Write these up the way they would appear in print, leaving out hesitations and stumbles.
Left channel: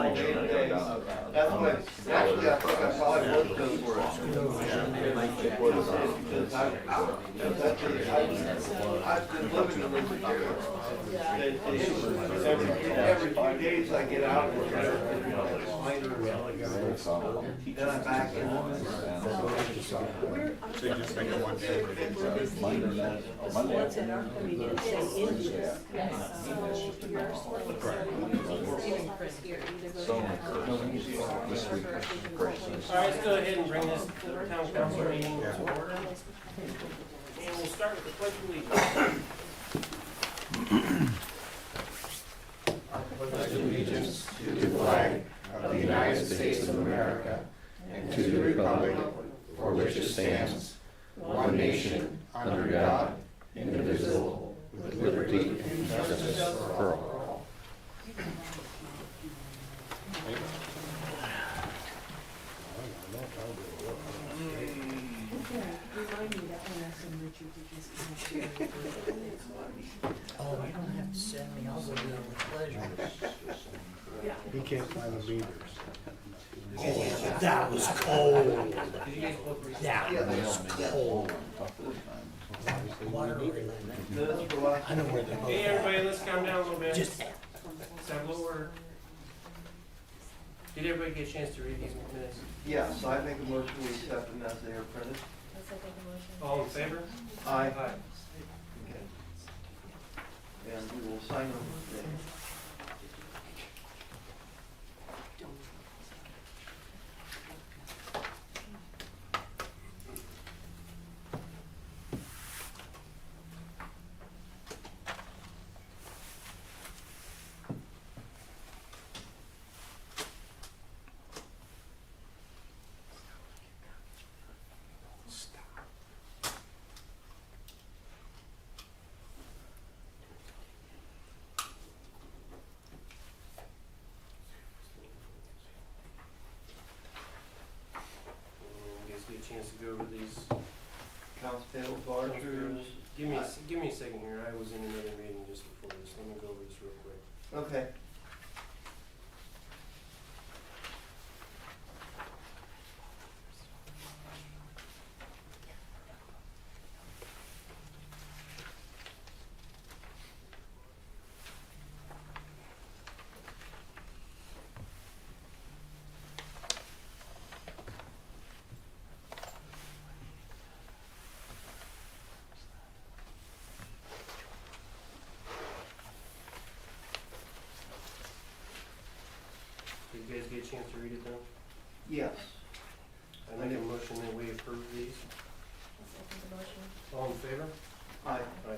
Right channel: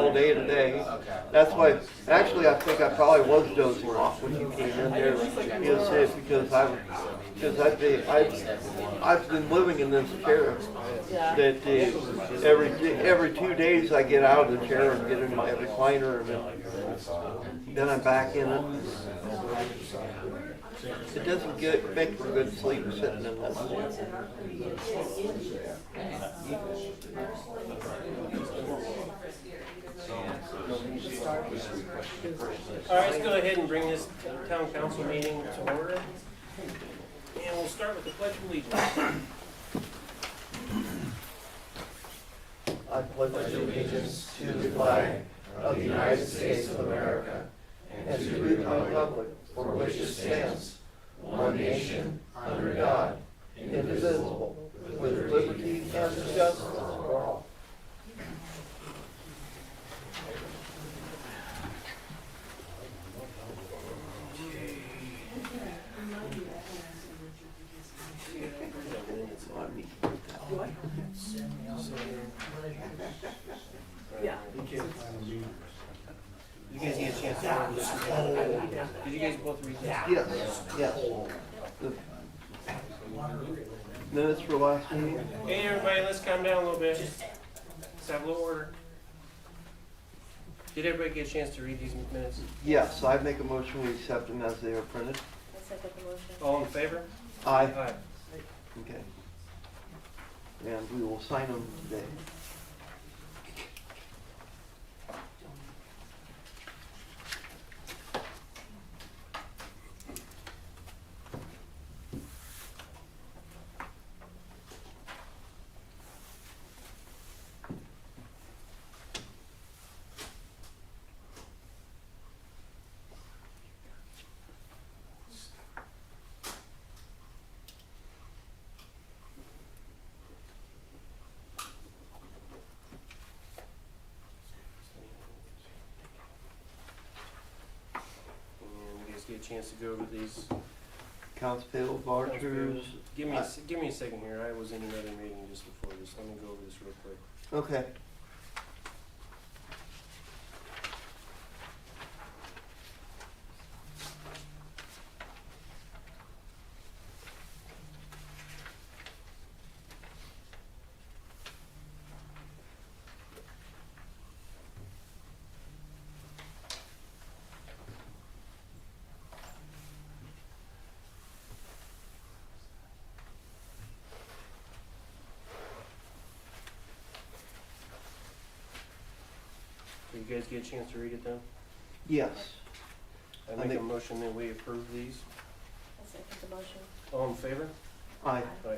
all day today. That's why, actually, I think I probably was dozing off when you came in there. I've been living in this chair. That every 2 days I get out of the chair and get in my recliner, and then I'm back in it. It doesn't make for good sleep sitting in this. All right, let's go ahead and bring this town council meeting to order. And we'll start with the Pledge of Allegiance. I pledge allegiance to the flag of the United States of America and to the republic for which it stands, one nation, under God, indivisible, with liberty and justice for all. Yeah. He can't find the meters. You guys get a chance? That was cold. Did you guys both read That that? was cold. Minutes for last Hey everybody, let's calm down a little bit. Let's have a little order. Did everybody get a chance to read these minutes? Yes, I make a motion we accept them as they are printed. I'll second the motion. All in favor? Aye. Aye. Okay. And we will sign them today. And you guys get a chance to go over these. Accounts payable, vouchers. Give me a second here. I was in another meeting just before this. Let me go over this real quick. Okay. So you guys get a chance to read it then? Yes. I make a motion that we approve these. I'll second the motion. All in favor? Aye. Aye.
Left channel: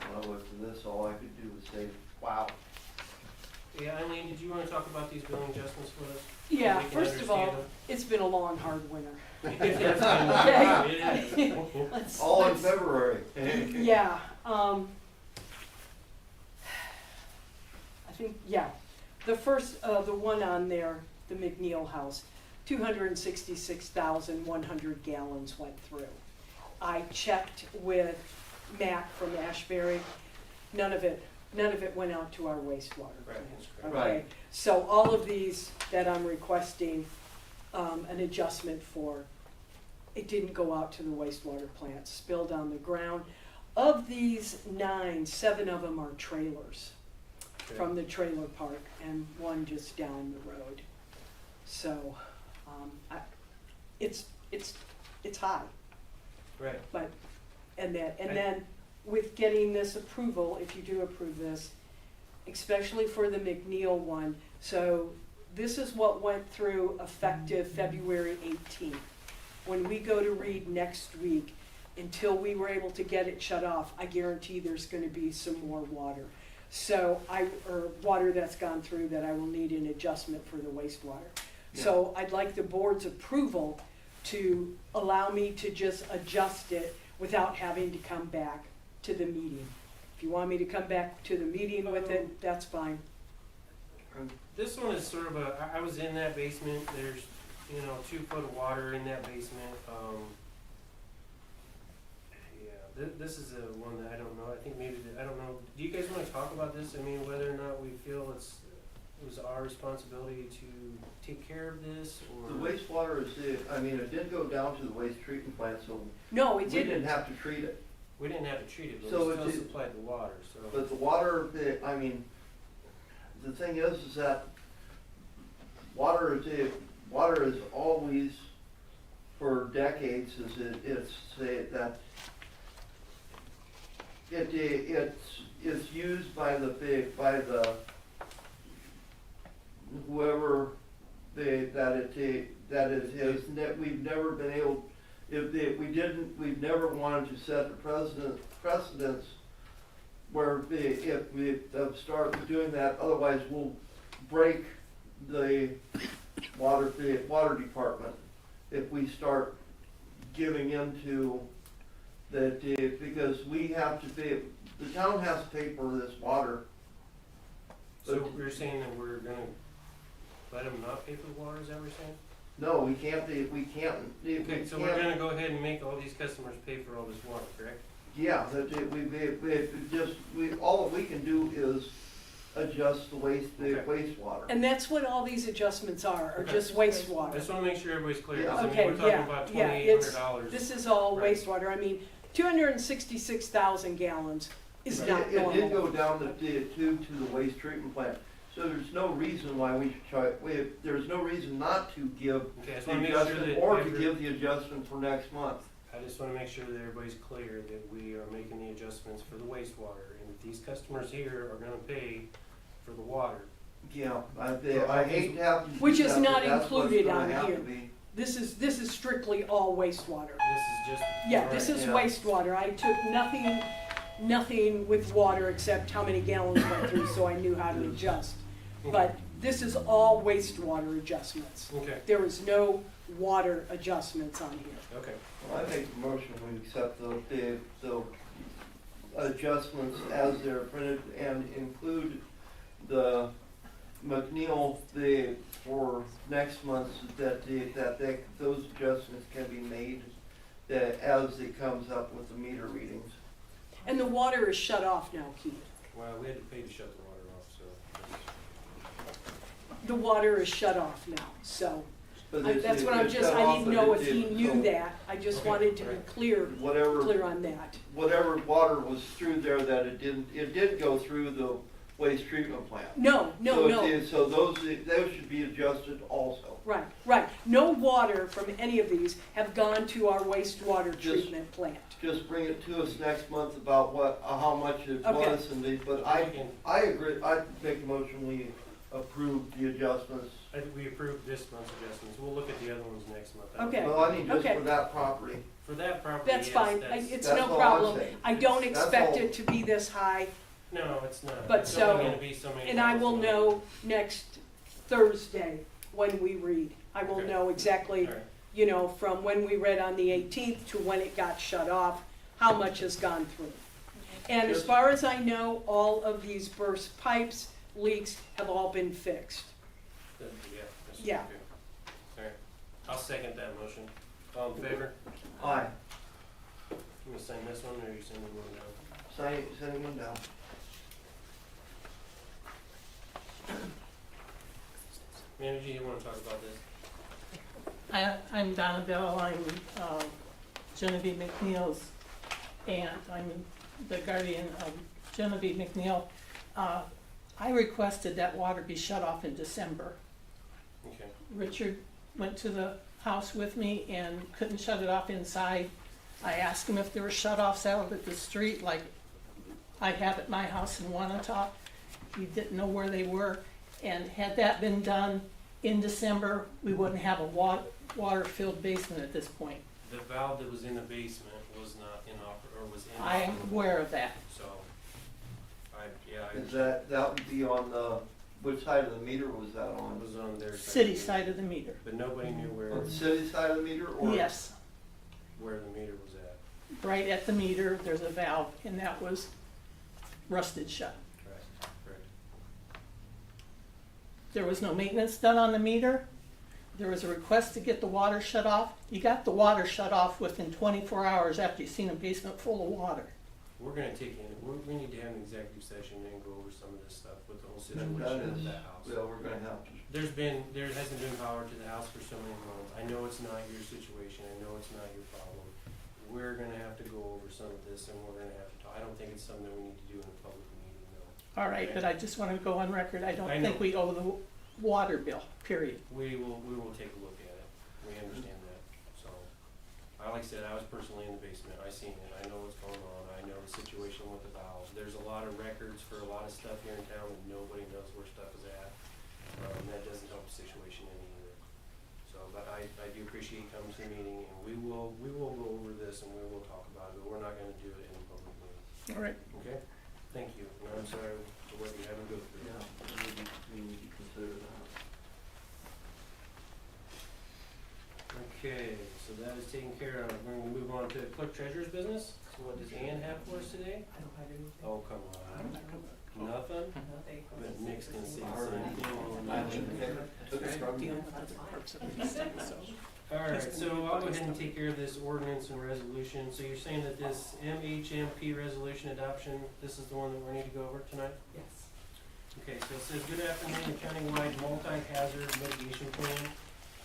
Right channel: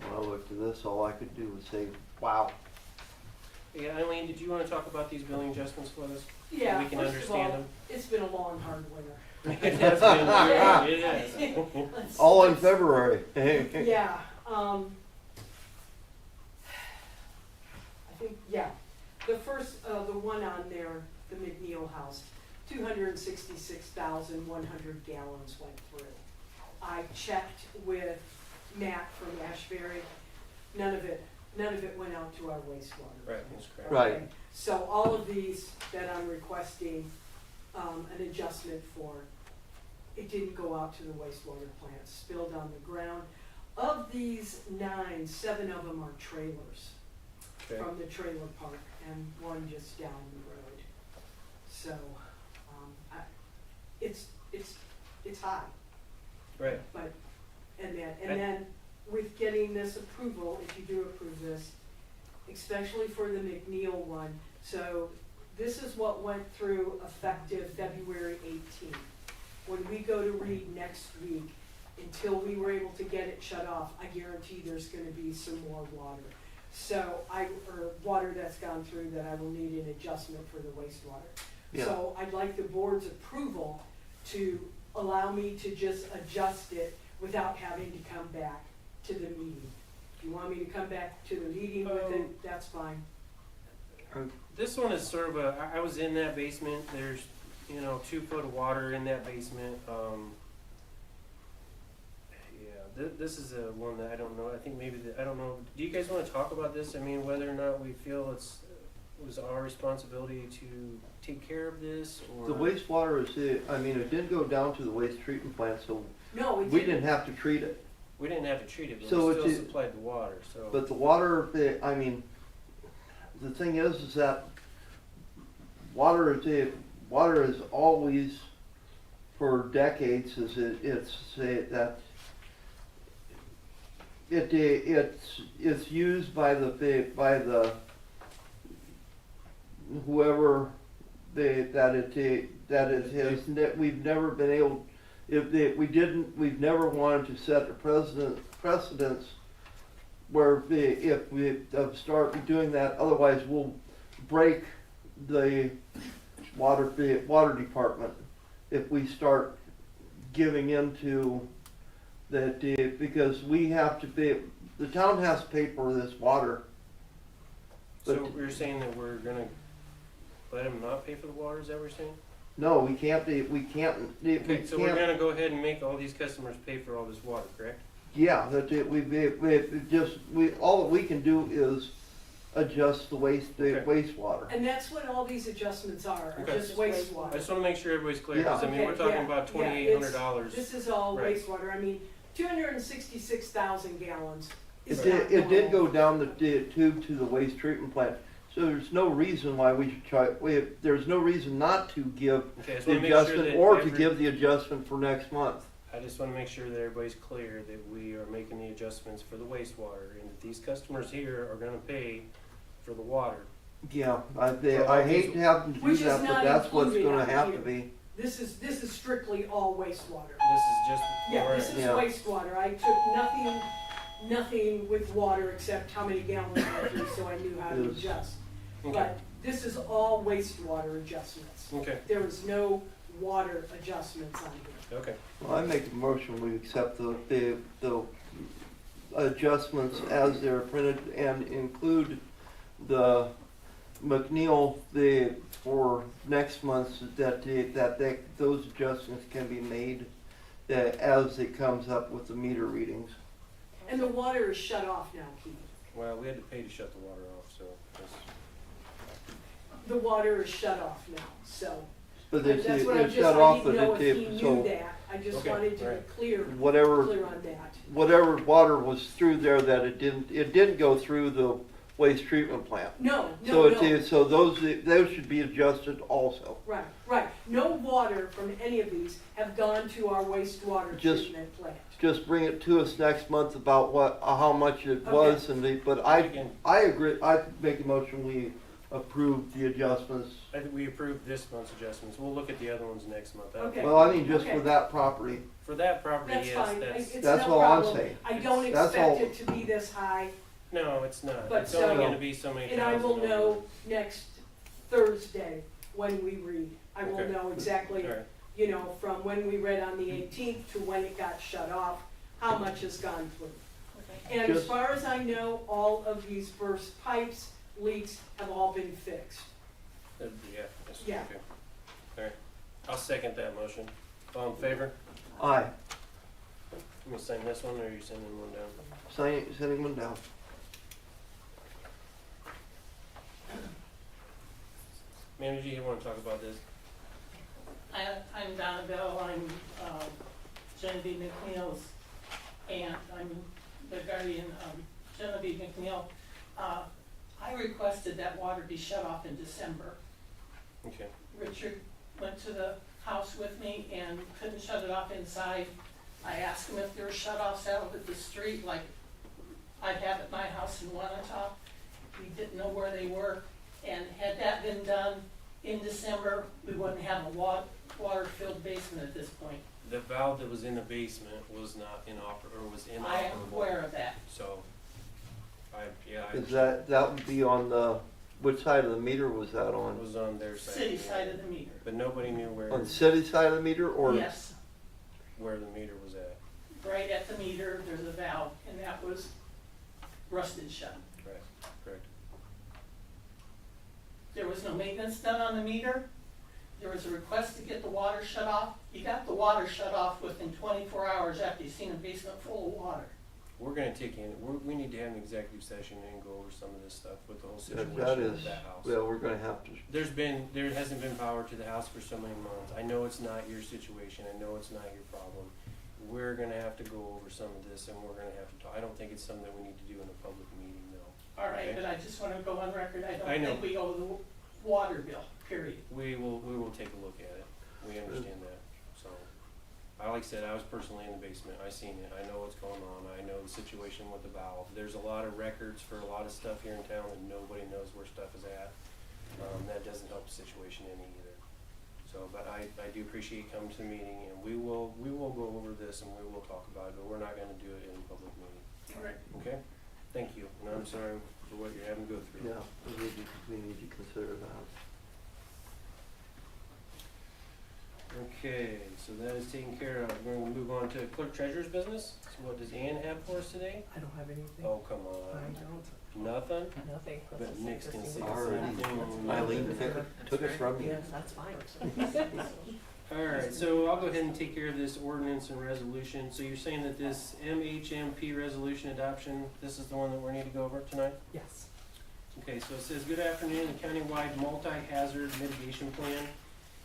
When I looked at this, all I could do was say, wow. Yeah, Eileen, did you want to talk about these billing adjustments with us? Yeah, We can first of understand all, them. it's been a long, hard winter. It has been, it has. Let's- All in let's- February. Yeah, I think, yeah, the first, the one on there, the McNeil House, 266,100 gallons went through. I checked with Matt from Ashbury, none of it went out to our wastewater. Right, that's correct. Right. Okay, so all of these that I'm requesting, an adjustment for, it didn't go out to the wastewater plant, spilled on the ground. Of these 9, 7 of them are trailers Okay. from the trailer park and one just down the road. So, it's high, Right. but, and I- then with getting this approval, if you do approve this, especially for the McNeil one. So this is what went through effective February 18th. When we go to read next week, until we were able to get it shut off, I guarantee there's gonna be some more water. So or water that's gone through that I will need an adjustment for the wastewater. So I'd like the board's approval to allow me to just adjust it without having to come back to the meeting. If you want me to come back to the meeting with it, that's fine. This one is sort of I was in that basement, there's, 2 foot of water in that basement, this is a one that I don't know, I think maybe, I don't know, do you guys wanna talk about this? I mean, whether or not we feel it was our responsibility to take care of this, or? The wastewater is, it didn't go down to the waste treatment plant, so No, it we didn't. didn't have to treat it. We didn't have to treat it, but So we it still did- supplied the water, so. But the water, the thing is that water is always, for decades, it's used by the whoever we've never been able, we've never wanted to set a precedence where if we start doing that, otherwise we'll break the water department if we start giving into that, because we have to pay, the town has to pay for this water. So you're saying that we're gonna let them not pay for the water, is that what you're saying? No, we can't, Okay, so we're gonna go ahead and make all these customers pay for all this water, correct? yeah, all that we can do is adjust the Okay. wastewater. And that's what all these adjustments are Okay. just I wastewater. just wanna make sure everybody's clear, cause I Yeah. mean, we're Okay, talking yeah, about yeah, $2,800. This is all Right. wastewater. 266,000 gallons is It not did normal. go down the tube to the waste treatment plant, so there's no reason why we should try, there's no reason not to give Okay, I just the wanna make sure adjustment, that or to give the adjustment for next month. I just wanna make sure that everybody's clear that we are making the adjustments for the wastewater, and that these customers here are gonna pay for the water. Yeah, I hate to have to Which do is that, but not that's what's included gonna on have here. to be. This is strictly all wastewater. This is just. Yeah, this alright. is Yeah. wastewater. I took nothing with water except how many gallons went through, so I knew how to Yes. adjust. Okay. But this is all wastewater adjustments. Okay, There is no water adjustments on here. okay. Well, I make a motion, we accept the adjustments as they're printed and include the McNeil, for next month, those adjustments can be made as it comes up with the meter readings. And the water is shut off now, Keith. Well, we had to pay to shut the water off, so. that's- The water is shut off now, so. But That's what I'm it's just, shut I off, didn't but know if it- he so knew that. I just Okay, wanted to be alright. clear Whatever on that. whatever water was through there that it didn't go through the waste treatment plant. No. So those should be adjusted also. Right. No water from any of these have gone to our wastewater Just- treatment plant. Just bring it to us next month about how much it Okay. was but Okay. I agree, I make a motion, we approve the adjustments. I think we approved this month's adjustments, we'll look at the other ones next month. Okay. Well, I mean, just Okay. for that property, For that property, That's yes, fine. that's, It's that's no all I'm problem. saying. I don't That's expect all. it to be this high, no, it's not, But it's only so- gonna be so many and I will thousand know next Thursday when we read. I will Okay. know exactly, Alright, from when we read on the 18th to when it got shut off, how much has gone through. And as Just- far as I know, all of these burst pipes, leaks have all been fixed. yeah, that's, Yeah. okay. Alright, I'll second that motion. All in favor? aye, Let me sign this one, or are you sending one down? sending one down. Manager, you wanna talk about this? I'm Donna Bell, I'm Genevieve McNeil's aunt, I'm the guardian of Genevieve McNeil. I requested that water be shut off in December. Okay, Richard went to the house with me and couldn't shut it off inside, I asked him if there were shut-offs out at the street, like I have at my house in Wanatop. He didn't know where they were, and had that been done in December, we wouldn't have a water-filled basement at this point. The valve that was in the basement was not was inoperable. I am aware of that. So, I Is that would be on the, which side of the meter was that It on? was on their side. City side of the meter. But nobody knew On the city side of the meter or? Yes, where the meter was at. right at the meter, there's a valve, and that was rusted shut. Correct. There was no maintenance done on the meter. There was a request to get the water shut off. You got the water shut off within 24 hours after you seen a basement full of water. We're gonna we need to have an executive session and go over some of this stuff with the whole That situation is, with that house. well, we're gonna have to, There hasn't been power to the house for so many months. I know it's not your situation, I know it's not your problem. We're gonna have to go over some of this and we're gonna have to talk. I don't think it's something that we need to do in a public meeting though. All right, Okay. but I just want to go on record, I don't I know. think we owe the water bill, period. We will take a look at it. We understand that, so. Like I said, I was personally in the basement. I seen it. I know what's going on. I know the situation with the valve. There's a lot of records for a lot of stuff here in town and nobody knows where stuff is at. That doesn't help the situation any either. So, but I do appreciate you coming to the meeting and we will go over this and we will talk about it, but we're not gonna do it in a public meeting. All right. Okay? Thank you. And I'm sorry for what you're having to go through. yeah, we need to consider that. Okay, so that is taken care of. We're gonna move on to Clerk-Treasurer's business. So what does Ann have for us today? I don't have anything. Oh, come on. Nothing? Nothing. But Nick's gonna say the Already. same thing. Eileen took it from you. Yeah, that's fine. Alright, so I'll go ahead and take care of this ordinance and resolution. So you're saying that this MHMP resolution adoption, this is the one that we need to go over tonight? Yes. Okay, so it says, good afternoon, the countywide multi-hazard mitigation plan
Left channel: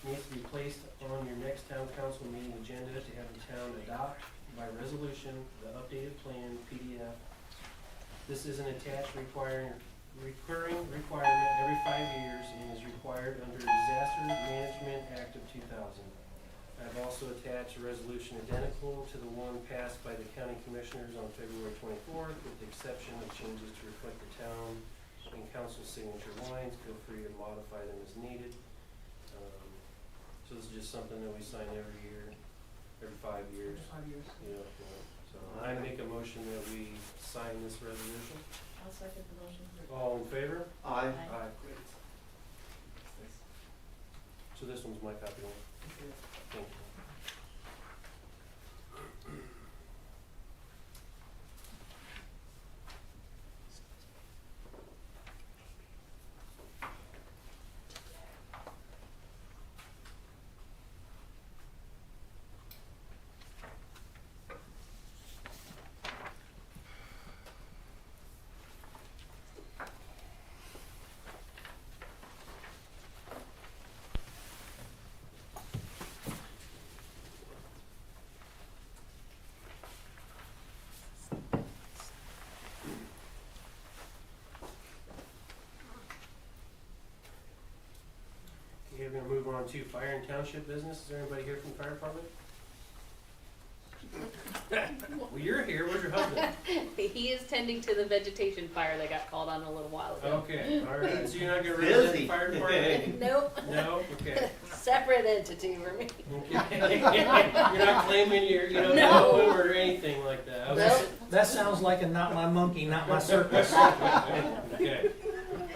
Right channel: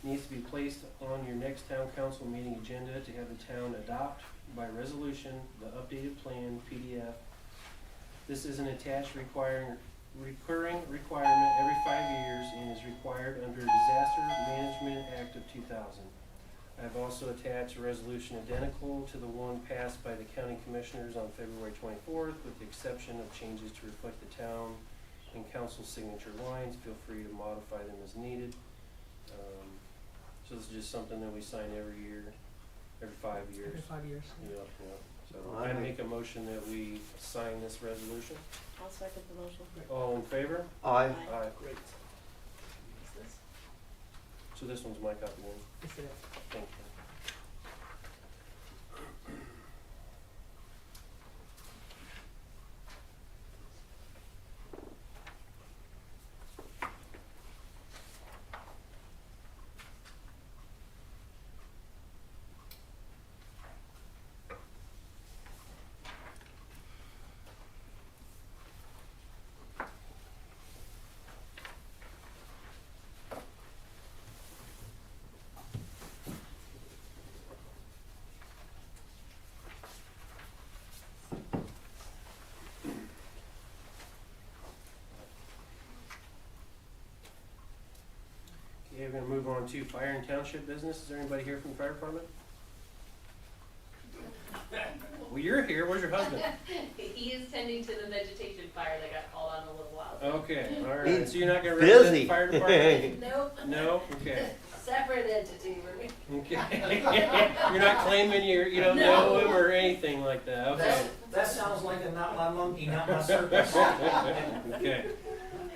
needs to be placed on your next town council meeting agenda to have the town adopt by resolution the updated plan PDF. This is an attached recurring requirement every 5 years and is required under Disaster Management Act of 2000. I've also attached a resolution identical to the one passed by the county commissioners on February 24th, with the exception of changes to reflect the town and council signature lines. Feel free to modify them as needed. So this is just something that we sign every year, every 5 years. Every 5 years. Yeah. So I make a motion that we sign this resolution. I'll second the motion. All in favor? Aye. Aye. Great. So this one's my copy one. Is there- Thank you. Okay, we're gonna move on to fire and township business. Is there anybody here from the fire department? Well, you're here. Where's your husband? He is tending to the vegetation fire that got called on a little while ago. Okay, all right. So you're not gonna Busy. represent the fire department? Nope. No? Okay. Separate entity for me. Okay. You're not claiming you don't know him or anything like that. Okay. Nope. That sounds like a not my monkey, not my circus. Okay.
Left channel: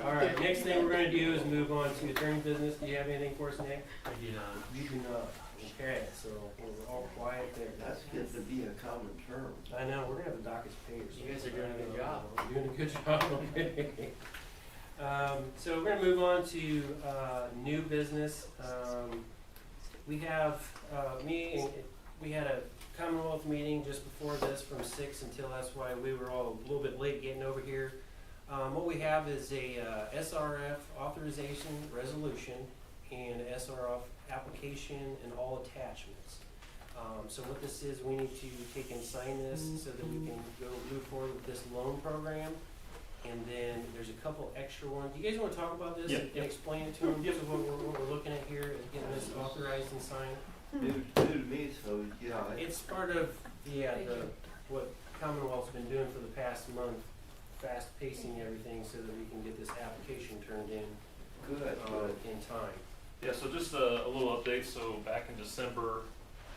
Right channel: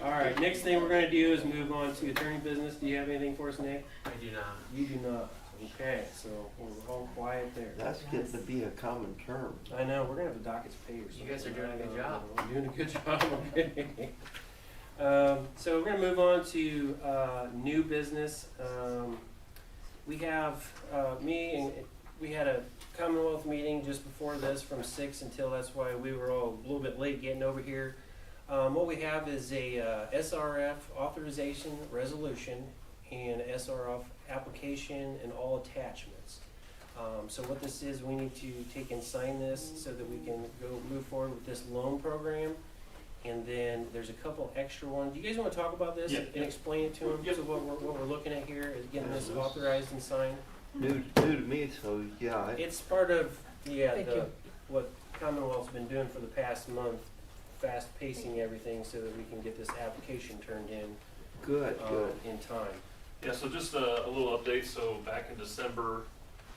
All right, next thing we're gonna do is move on to attorney business. Do you have anything for us, Nick? I do not. You do not. Okay, so we're all quiet there. That's getting to be a common term. I know, we're gonna have the dockets paid or something. You guys are doing a good job. We're doing a good job, okay. So we're gonna move on to, new business. We have, we had a Commonwealth meeting just before this from 6 until, that's why we were all a little bit late getting over here. What we have is a SRF authorization resolution and SRF application and all attachments. So what this is, we need to take and sign this so that we can go move forward with this loan program. And then there's a couple extra ones. Do you guys want to talk about this and explain it to them? So what we're looking at here is getting this authorized and signed. New to me, so yeah. It's part of Yeah, Thank you. what Commonwealth's been doing for the past month, fast pacing everything so that we can get this application turned in, Good, good. in time. Yeah, so just a little update. So back in December,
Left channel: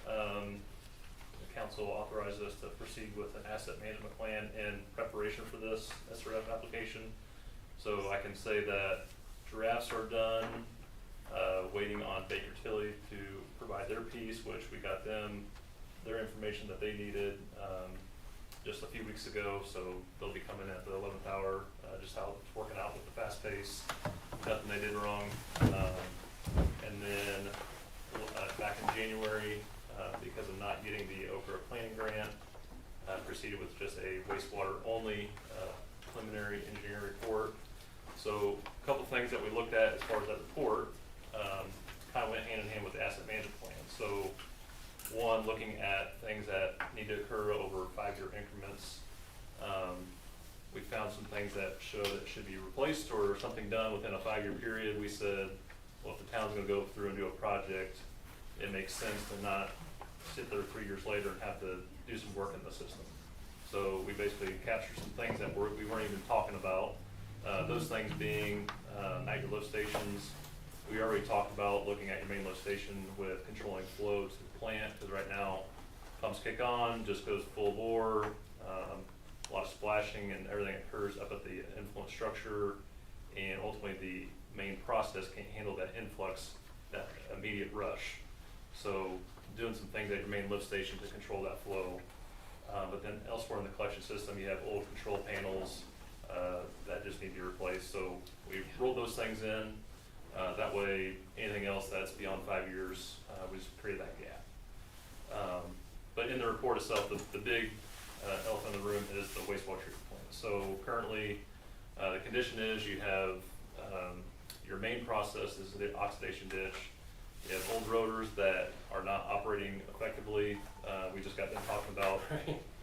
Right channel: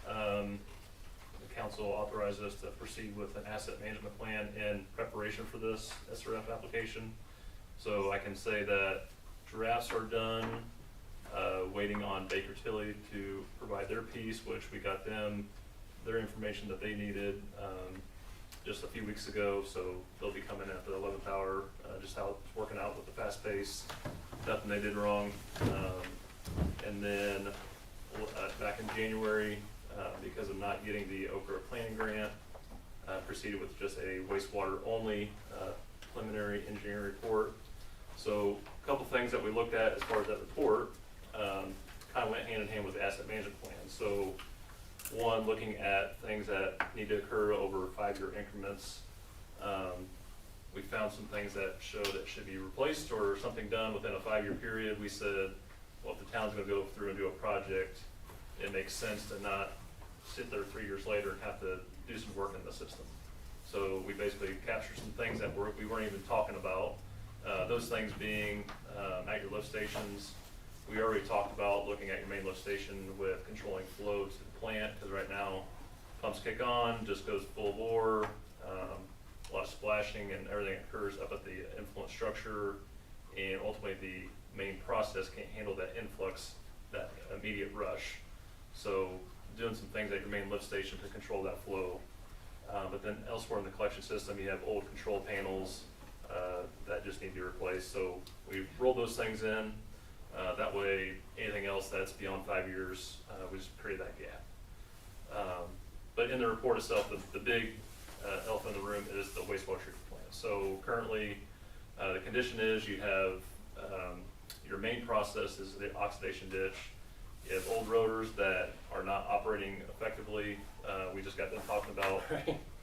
the council authorized us to proceed with an asset management plan in preparation for this SRF application. So I can say that drafts are done, waiting on Baker Tilly to provide their piece, which we got them their information that they needed just a few weeks ago. So they'll be coming in at the 11th hour, just how it's working out with the fast pace. Nothing they did wrong. And then back in January, because of not getting the Okra planning grant, proceeded with just a wastewater only preliminary engineering report. So a couple things that we looked at as far as that report kind of went hand in hand with the asset management plan. So one, looking at things that need to occur over 5-year increments. We found some things that show that should be replaced or something done within a 5-year period. We said, well, if the town's gonna go through and do a project, it makes sense to not sit there 3 years later and have to do some work in the system. So we basically captured some things that we weren't even talking about. Those things being at your lift stations. We already talked about looking at your main lift station with controlling flow to the plant, because right now pumps kick on, just goes full bore, a lot of splashing and everything occurs up at the influent structure, and ultimately the main process can't handle that influx, that immediate rush. So doing some things at your main lift station to control that flow. But then elsewhere in the collection system, you have old control panels that just need to be replaced. So we rolled those things in. That way, anything else that's beyond 5 years, we just create that gap. But in the report itself, the big elephant in the room is the wastewater treatment plant. So currently, the condition is you have your main process is the oxidation ditch. You have old rotors that are not operating effectively. We just got done talking about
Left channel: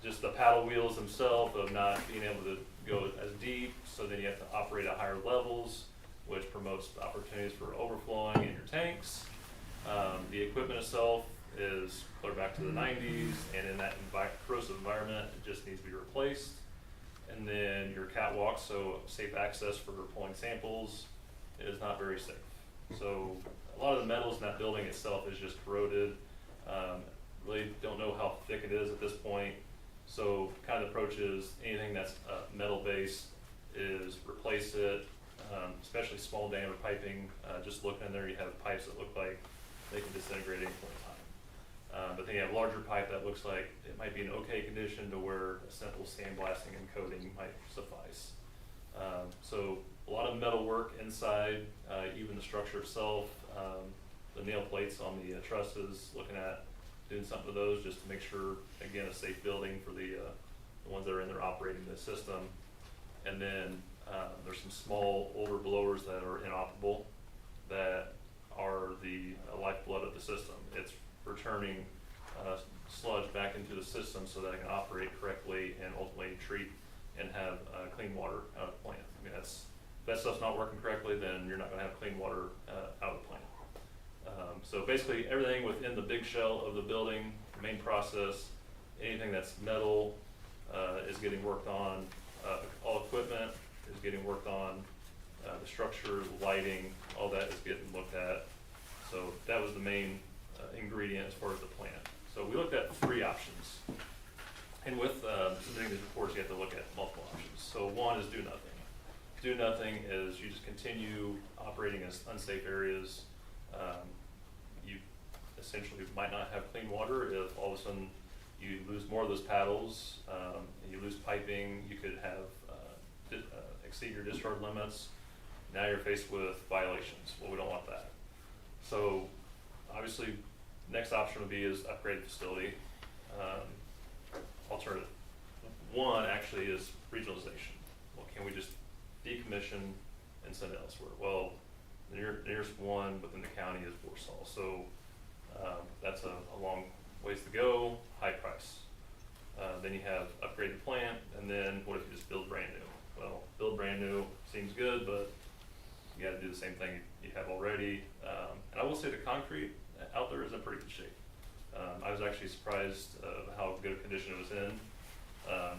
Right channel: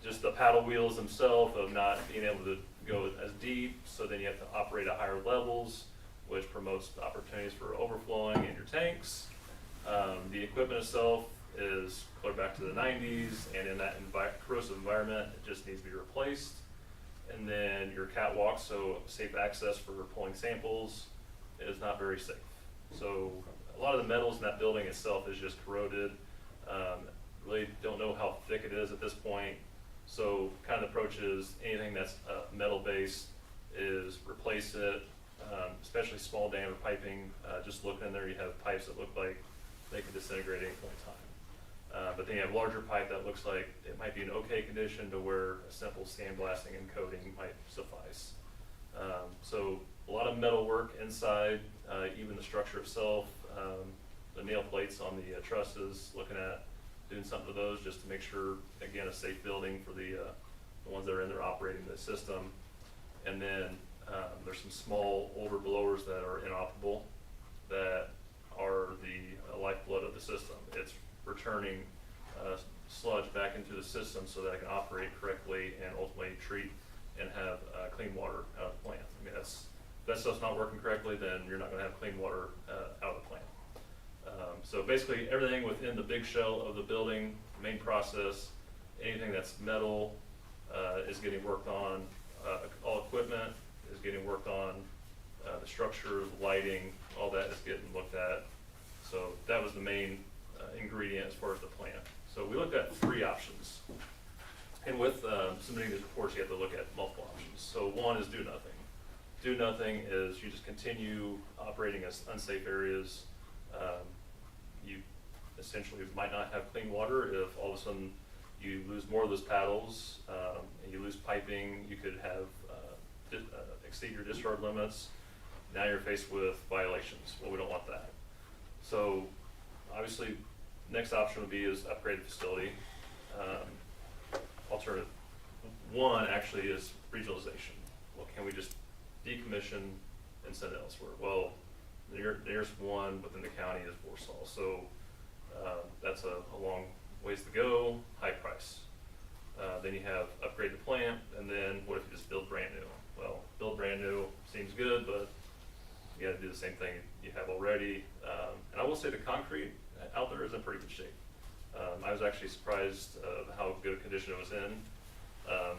just the paddle wheels themselves of not being able to go as deep. So then you have to operate at higher levels, which promotes opportunities for overflowing in your tanks. The equipment itself is clear back to the 90s, and in that corrosive environment, it just needs to be replaced. And then your catwalk, so safe access for pulling samples, is not very safe. So a lot of the metals in that building itself is just corroded. Really don't know how thick it is at this point. So kind of the approach is anything that's metal based is replace it, especially small diameter piping. Just looking in there, you have pipes that look like they can disintegrate at any point in time. But then you have larger pipe that looks like it might be in okay condition to where a simple sandblasting and coating might suffice. So a lot of metal work inside, even the structure itself, the nail plates on the trusses, looking at doing something to those just to make sure, again, a safe building for the ones that are in there operating the system. And then there's some small older blowers that are inoperable that are the lifeblood of the system. It's returning sludge back into the system so that it can operate correctly and ultimately treat and have clean water out of the plant. I mean, if that stuff's not working correctly, then you're not going to have clean water out of the plant. So basically everything within the big shell of the building, main process, anything that's metal is getting worked on. All equipment is getting worked on. The structure, the lighting, all that is getting looked at. So that was the main ingredient as far as the plan. So we looked at 3 options. And with submitting these reports, you have to look at multiple options. So one is do nothing. Do nothing is you just continue operating as unsafe areas. You essentially might not have clean water if all of a sudden you lose more of those paddles and you lose piping. You could have exceed your discharge limits. Now you're faced with violations. Well, we don't want that. So obviously, next option would be is upgrade the facility. Alternative 1 actually is regionalization. Well, can we just decommission and send it elsewhere? Well, the nearest one within the county is Warsaw. So that's a long ways to go, high price. Then you have upgrade the plant, and then what if you just build brand new? Well, build brand new seems good, but you got to do the same thing you have already. And I will say the concrete out there is in pretty good shape. I was actually surprised of how good a condition it was in.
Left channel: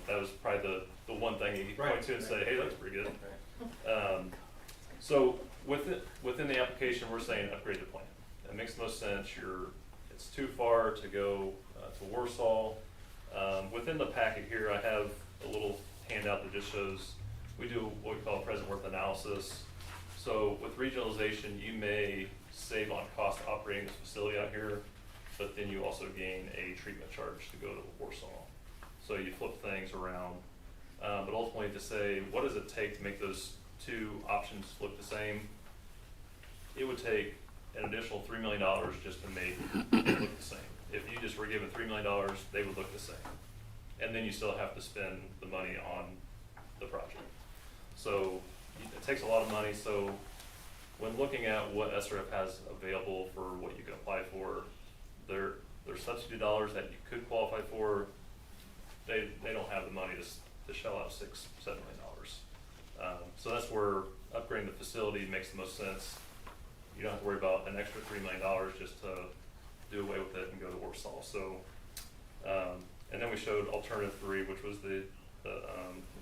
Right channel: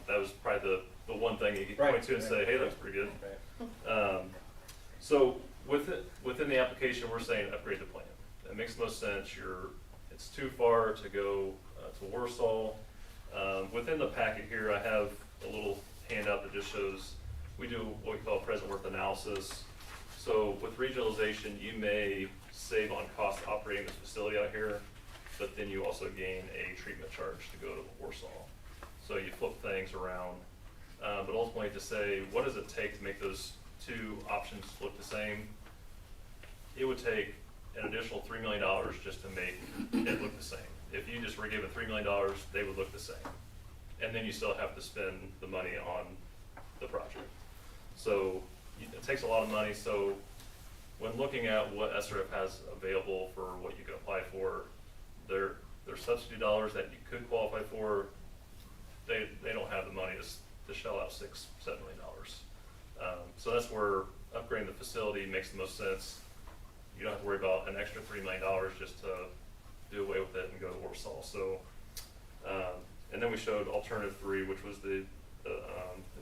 That was probably the one thing you could point to and say, hey, that looks pretty good. So within the application, we're saying upgrade the plan. That makes the most sense. It's too far to go to Warsaw. Within the packet here, I have a little handout that just shows we do what we call present worth analysis. So with regionalization, you may save on cost operating this facility out here, but then you also gain a treatment charge to go to Warsaw. So you flip things around, but ultimately to say, what does it take to make those two options look the same? It would take an additional $3 million just to make it look the same. If you just were given $3 million, they would look the same. And then you still have to spend the money on the project. So it takes a lot of money. So when looking at what SRF has available for what you can apply for, their subsidy dollars that you could qualify for, they don't have the money to shell out $6-7 million. So that's where upgrading the facility makes the most sense. You don't have to worry about an extra $3 million just to do away with it and go to Warsaw. So, and then we showed alternative 3, which was if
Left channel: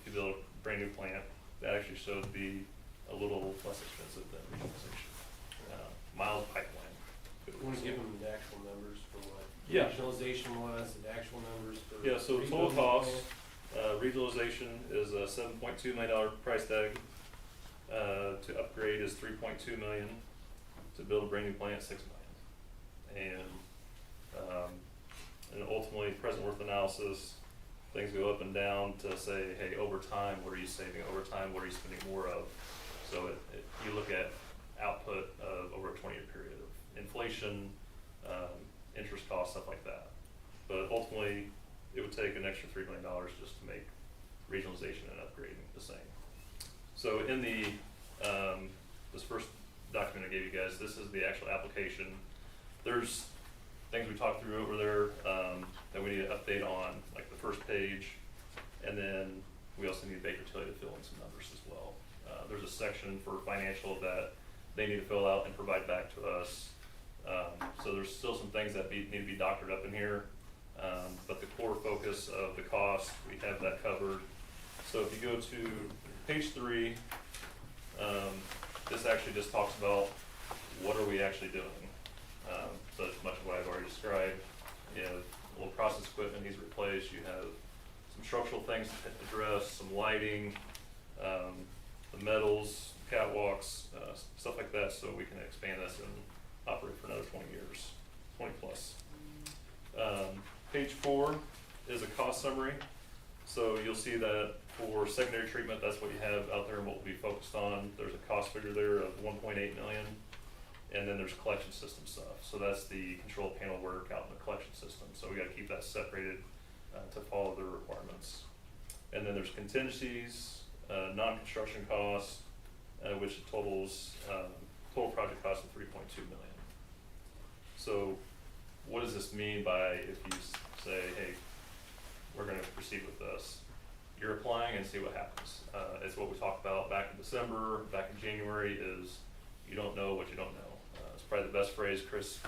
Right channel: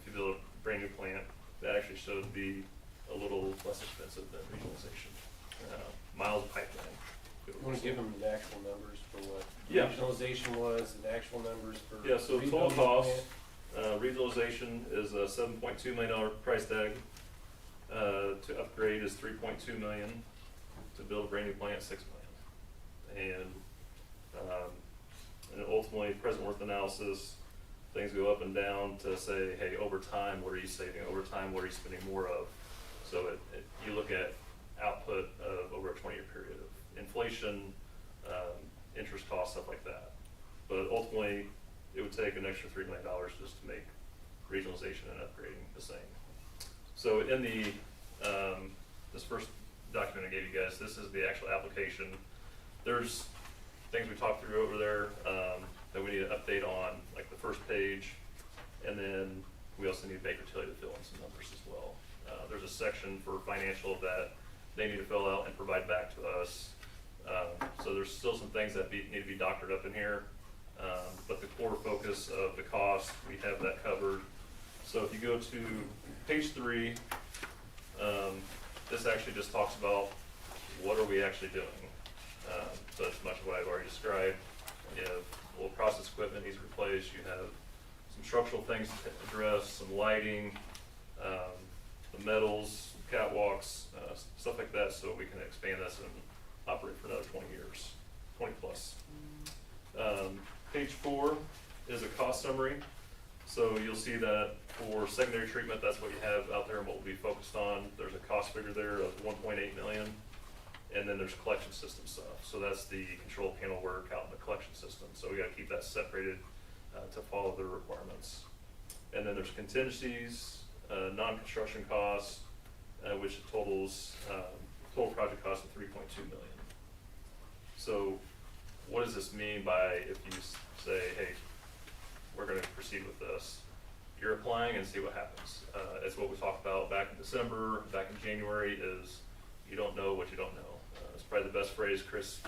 you build a brand new plant, that actually showed to be a little less expensive than regionalization. Miles of pipeline. You want to give them the actual numbers for what Yeah. regionalization was and actual numbers for. Yeah, so total rebuilding the cost, plant? regionalization is a $7.2 million price tag. To upgrade is $3.2 million. To build a brand new plant, $6 million. And ultimately, present worth analysis, things go up and down to say, hey, over time, what are you saving? Over time, what are you spending more of? So you look at output of over a 20-year period of inflation, interest costs, stuff like that. But ultimately, it would take an extra $3 million just to make regionalization and upgrading the same. So in this first document I gave you guys, this is the actual application. There's things we talked through over there that we need to update on, like the first page, and then we also need Baker Tilly to fill in some numbers as well. There's a section for financial that they need to fill out and provide back to us. So there's still some things that need to be doctored up in here, but the core focus of the cost, we have that covered. So if you go to page 3, this actually just talks about what are we actually doing. So that's much of what I've already described. You have a little process equipment needs replaced. You have some structural things to address, some lighting, the metals, catwalks, stuff like that, so we can expand this and operate for another 20 years, 20 plus. Page 4 is a cost summary. So you'll see that for secondary treatment, that's what you have out there and what we'll be focused on. There's a cost figure there of $1.8 million. And then there's collection system stuff. So that's the control panel work out in the collection system. So we gotta keep that separated to follow the requirements. And then there's contingencies, non-construction costs, which totals total project cost of $3.2 million. So what does this mean by if you say, hey, we're gonna proceed with this? You're applying and see what happens. It's what we talked about back in December, back in January, is you don't know what you don't know. It's probably the best phrase Chris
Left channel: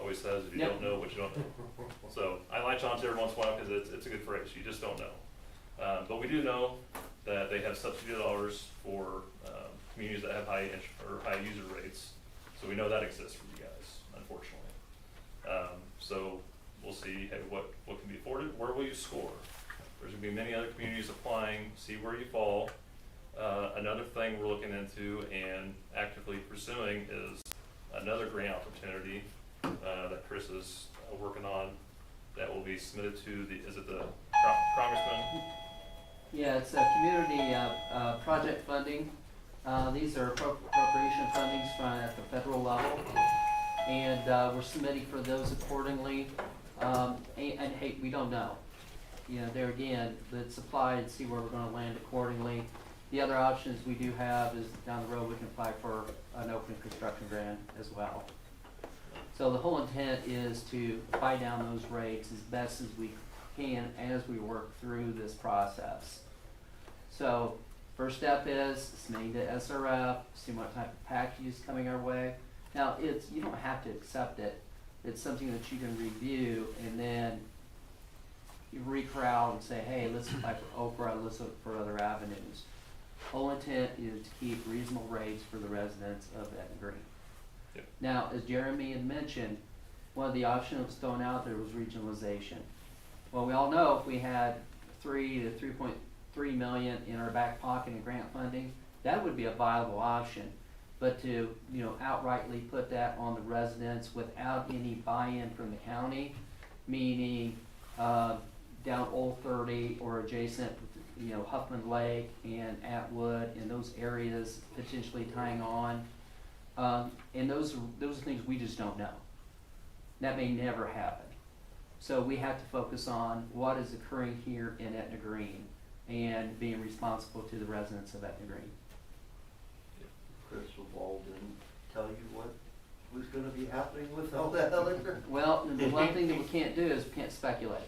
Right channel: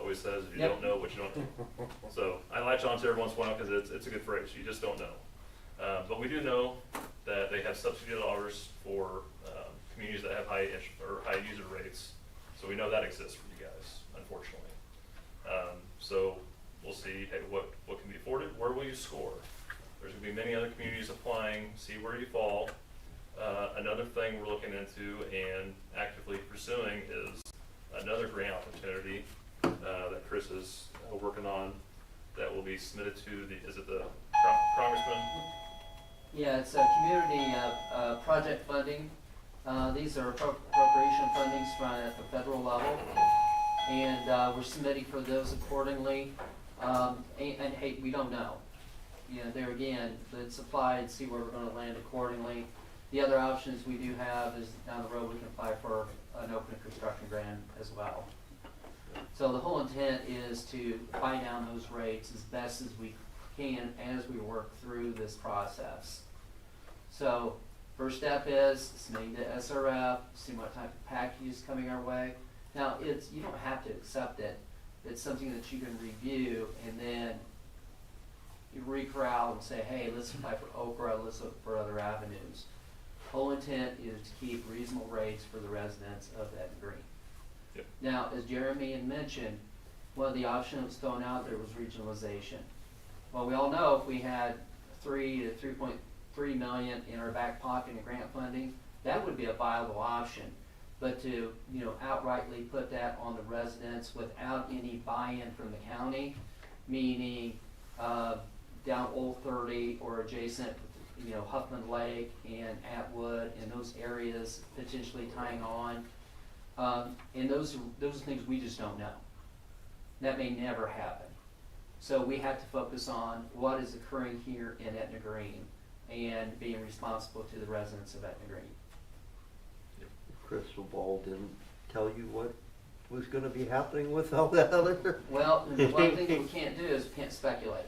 always says, if you don't know what you don't know. So I latch on to it every once in a while because it's a good phrase, you just don't know. But we do know that they have subsidy dollars for communities that have high user rates. So we know that exists for you guys, unfortunately. So we'll see, hey, what can be afforded, where will you score? There's gonna be many other communities applying, see where you fall. Another thing we're looking into and actively pursuing is another grant opportunity that Chris is working on that will be submitted to is it the Congressman? Yeah, it's a community project funding. These are appropriation fundings at the federal level, and we're submitting for those accordingly. And hey, we don't know. You know, there again, let's apply and see where we're going to land accordingly. The other options we do have is down the road we can apply for an open construction grant as well. So the whole intent is to buy down those rates as best as we can as we work through this process. So first step is submitting to SRF, see what type of package is coming our way. Now you don't have to accept it. it's something that you can review and then you recrowd and say, hey, let's apply for Okra, let's look for other avenues. Whole intent is to keep reasonable rates for the residents of Etna Green. Yep. Now, as Jeremy had mentioned, one of the options that was thrown out there was regionalization. Well, we all know if we had 3 to 3.3 million in our back pocket in grant funding, that would be a viable option. But to, you know, outrightly put that on the residents without any buy-in from the county, meaning down Old 30 or adjacent, you know, Huffman Lake and Atwood and those areas potentially tying on, and those things we just don't know. That may never happen. So we have to focus on what is occurring here in Etna Green and being responsible to the residents of Etna Green. Crystal ball didn't tell you what was gonna be happening with all that other. Well, and the one thing that we can't do is we can't speculate.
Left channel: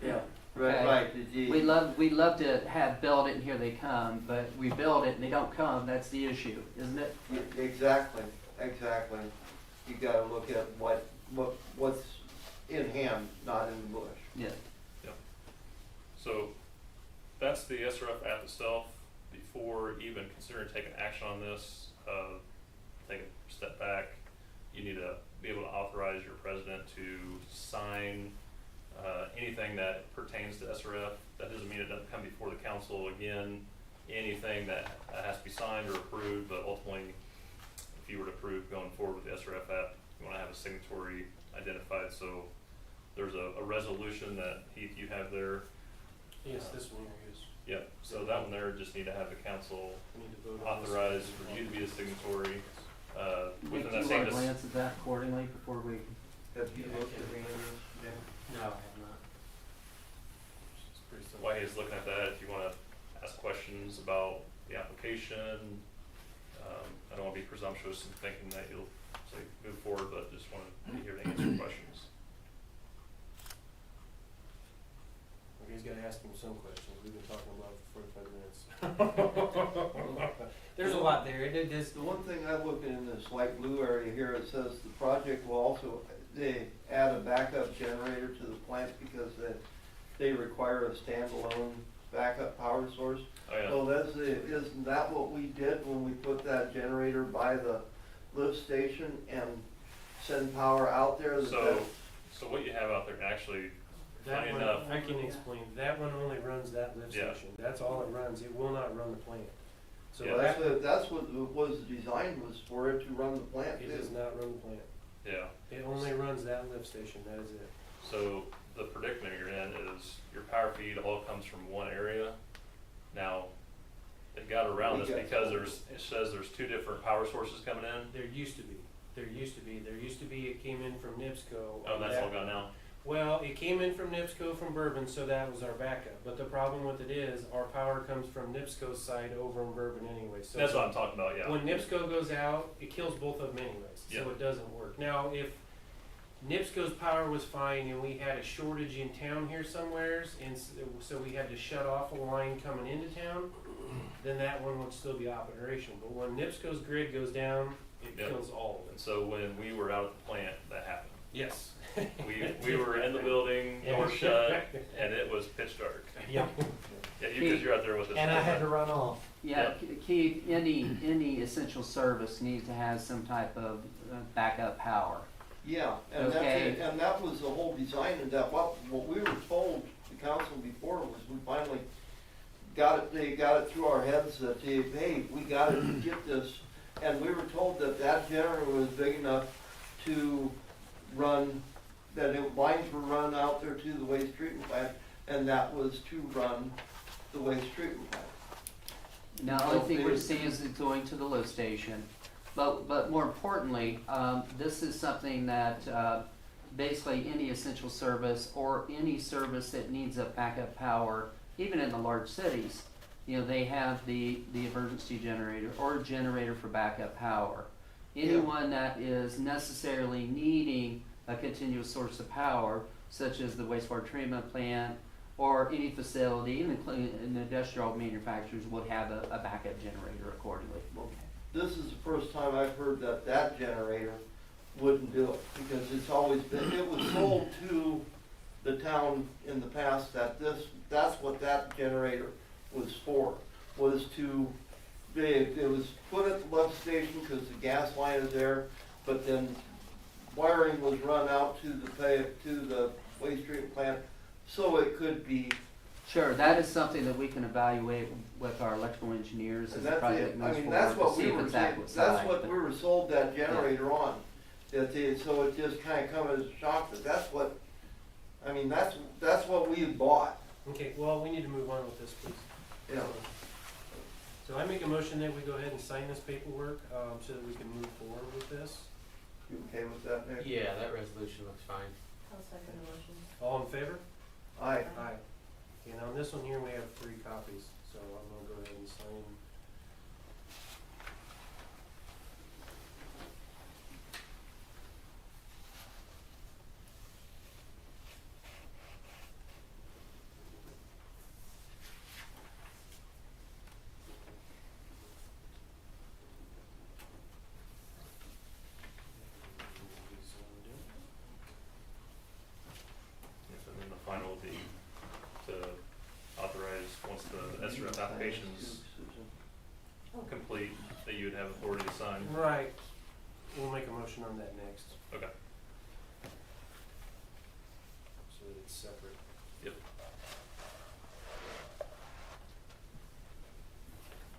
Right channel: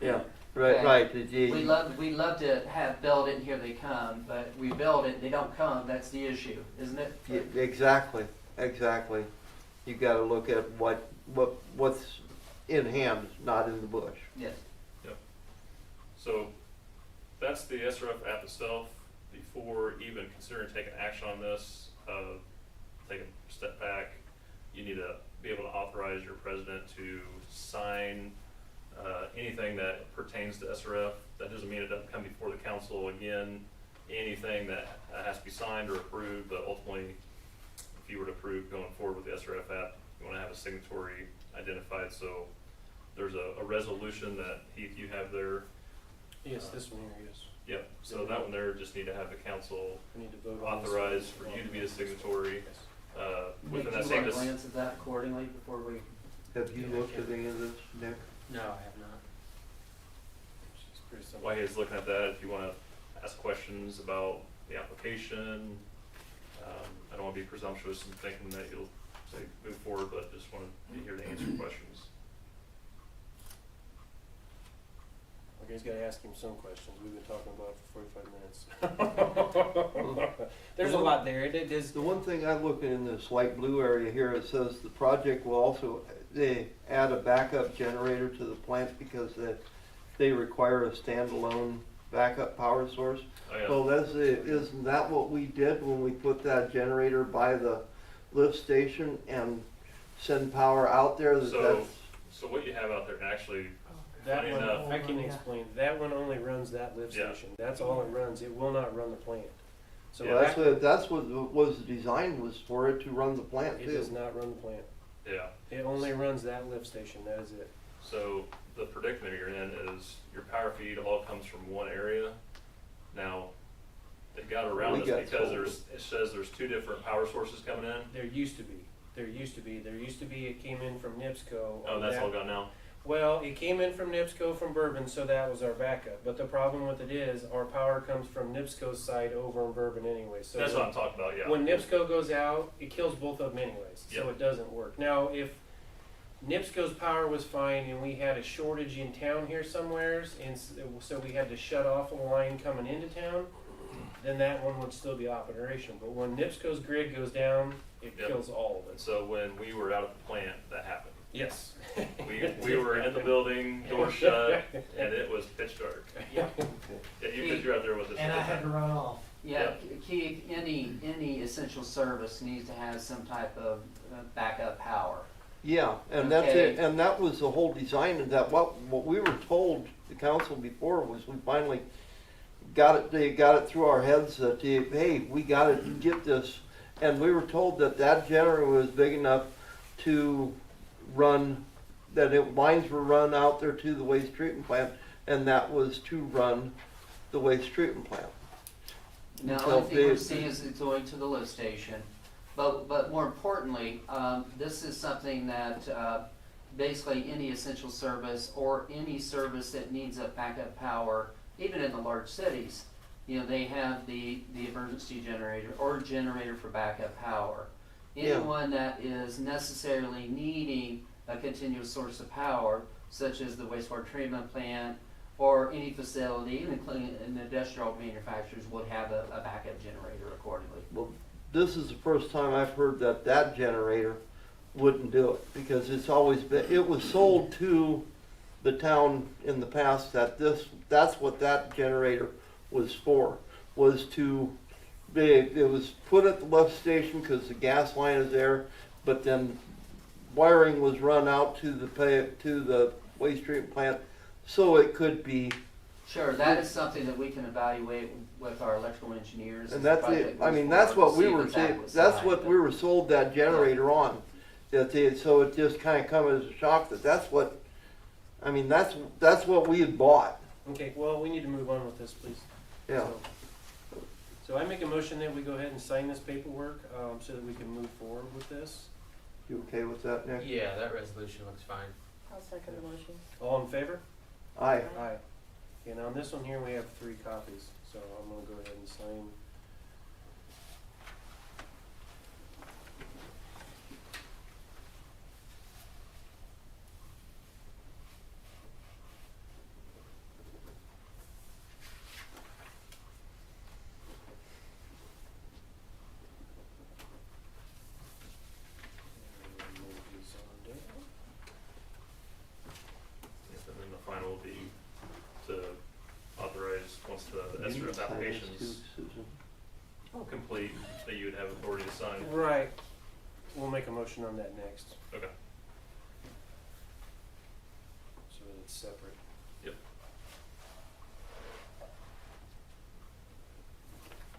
Yeah, right, Okay. right. We love to have build it and here they come, but we build it and they don't come, that's the issue, isn't it? Yeah, exactly, exactly. You gotta look at what's in hand, not in the bush. Yes. Yep. So that's the SRF app itself. Before even considering taking action on this, take a step back, you need to be able to authorize your president to sign anything that pertains to SRF. That doesn't mean it doesn't come before the council again. Anything that has to be signed or approved, but ultimately, if you were to approve going forward with the SRF app, you want to have a signatory identified. So there's a resolution that Heath, you have there. Yes, this one here is. Yep, so that one there just need to have the council We need to vote on this authorize one. for you to be the signatory. Nick, Within that you same want to dis- glance at that accordingly before we, Have you looked at any of this, Nick? No, I have not. It's pretty simple. While he's looking at that, if you want to ask questions about the application, I don't want to be presumptuous in thinking that you'll say move forward, but just want to be here to answer questions. Okay, he's gotta ask him some questions. We've been talking about it for 45 minutes. There's a lot there. It is. The one thing I look in this light blue area here, it says the project will also, they add a backup generator to the plant because they require a standalone backup power source. Oh, yeah. Well, isn't that what we did when we put that generator by the lift station and send power out there? So what you have out there, actually, That funny one, enough, I can explain. That one only runs that lift Yeah. station. That's all it runs. It will not run the plant. So Yeah. That's what was designed, was for it to run the plant it too. does not run the plant. yeah. It only runs that lift station. That is it. So the predicament you're in is your power feed all comes from one area. Now, they got around We this got because told. it says there's two different power sources coming in. There used to be. It came in from NIPSCO. Oh, that's all gone now? Well, it came in from NIPSCO from Bourbon, so that was our backup. But the problem with it is our power comes from NIPSCO's side over in Bourbon anyway. So That's what I'm talking about, yeah. when NIPSCO goes out, it kills both of them anyways. Yep. So it doesn't work. Now, if NIPSCO's power was fine and we had a shortage in town here somewheres, and so we had to shut off a line coming into town, then that one would still be operational. But when NIPSCO's grid goes down, it Yep. kills all of And it. so when we were out at the plant, that happened. Yes. We were in the building, door shut, and it was pitch dark. Yeah. Yeah, you're out there with us. And I had to run off. yeah, Keith, any essential service needs to have some type of backup power. Yeah, and that's Okay. it, and that was the whole design of that. What we were told, the council before, was we finally they got it through our heads that, hey, we gotta get this. And we were told that generator was big enough to run, lines were run out there to the waste treatment plant, and that was to run the waste treatment plant. Now, the only thing we're seeing is it's going to the lift station, but more importantly, this is something that basically any essential service or any service that needs a backup power, even in the large cities, you know, they have the emergency generator or generator for backup power. Yeah. Anyone that is necessarily needing a continuous source of power, such as the wastewater treatment plant or any facility, even the industrial manufacturers, would have a backup generator accordingly. Well, this is the first time I've heard that generator wouldn't do it, because it's always been, it was sold to the town in the past that that's what that generator was for, was to, it was put at the lift station because the gas line is there, but then wiring was run out to the waste treatment plant, so it could be. Sure, that is something that we can evaluate with our electrical engineers. And as the that's project it, moves I mean, forward that's to what we see if were it's saying, adequate that's size, what but- we were sold that generator on. So it just kinda come as a shock that that's what, I mean, that's what we had bought, Okay, well, we need to move on with this, please. yeah. So I make a motion that we go ahead and sign this paperwork, so that we can move forward with this. You okay with that, Nick? Yeah, that resolution looks fine. I'll second the motion. All in favor? Aye. Aye. Okay, now on this one here, we have 3 copies, so I'm gonna go ahead and sign. Yes, and then the final will be to authorize, once the SRF application's complete, that you would have authority to sign. Right, we'll make a motion on that next, Okay. so that it's separate. Yep.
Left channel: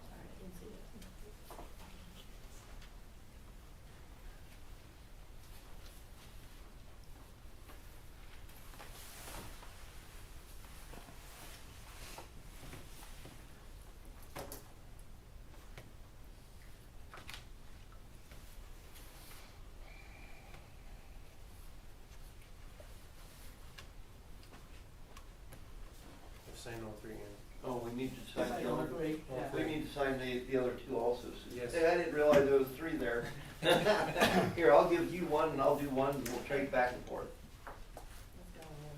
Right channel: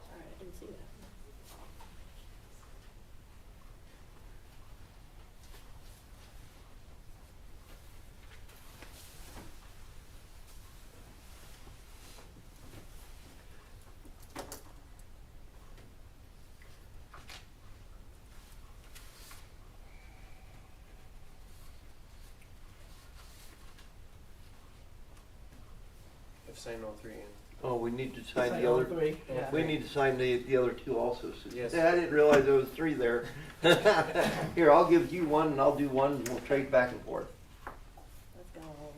Sorry, I didn't see that. I've signed all 3 in. Oh, we need to sign Sign the all other, 3, yeah. we need to sign the other 2 also. So- Yes. Yeah, I didn't realize there was 3 there. Here, I'll give you one and I'll do one and we'll trade back and forth. Let's go all of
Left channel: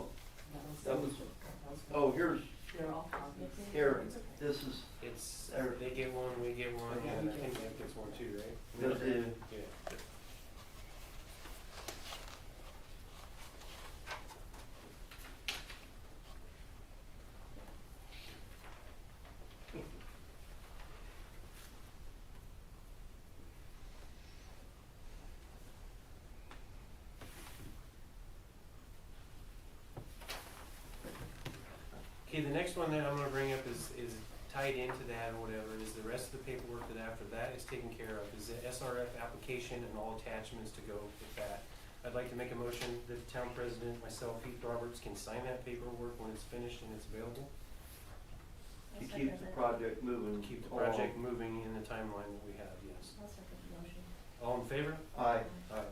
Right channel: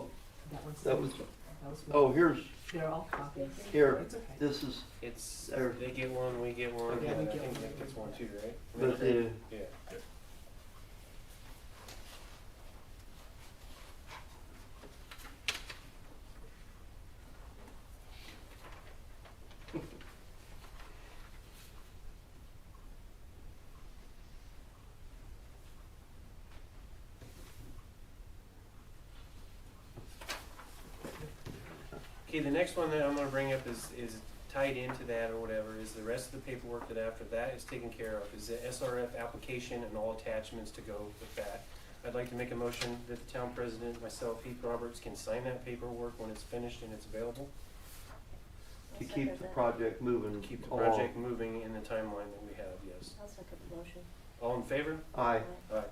them. That was, oh, here's, They're all copies. here, It's okay. this is, It's, There. they get one, we get one, Okay. and I think Nick gets one too, right? but, Yeah. Okay, the next one that I'm gonna bring up is tied into that or whatever, is the rest of the paperwork that after that is taken care of, is the SRF application and all attachments to go with that. I'd like to make a motion that the town president, myself, Heath Roberts, can sign that paperwork when it's finished and it's available. I'll to second keep the that. project moving Keep the along. project moving in the timeline that we have, yes. I'll second the motion. All in favor? Aye. Aye.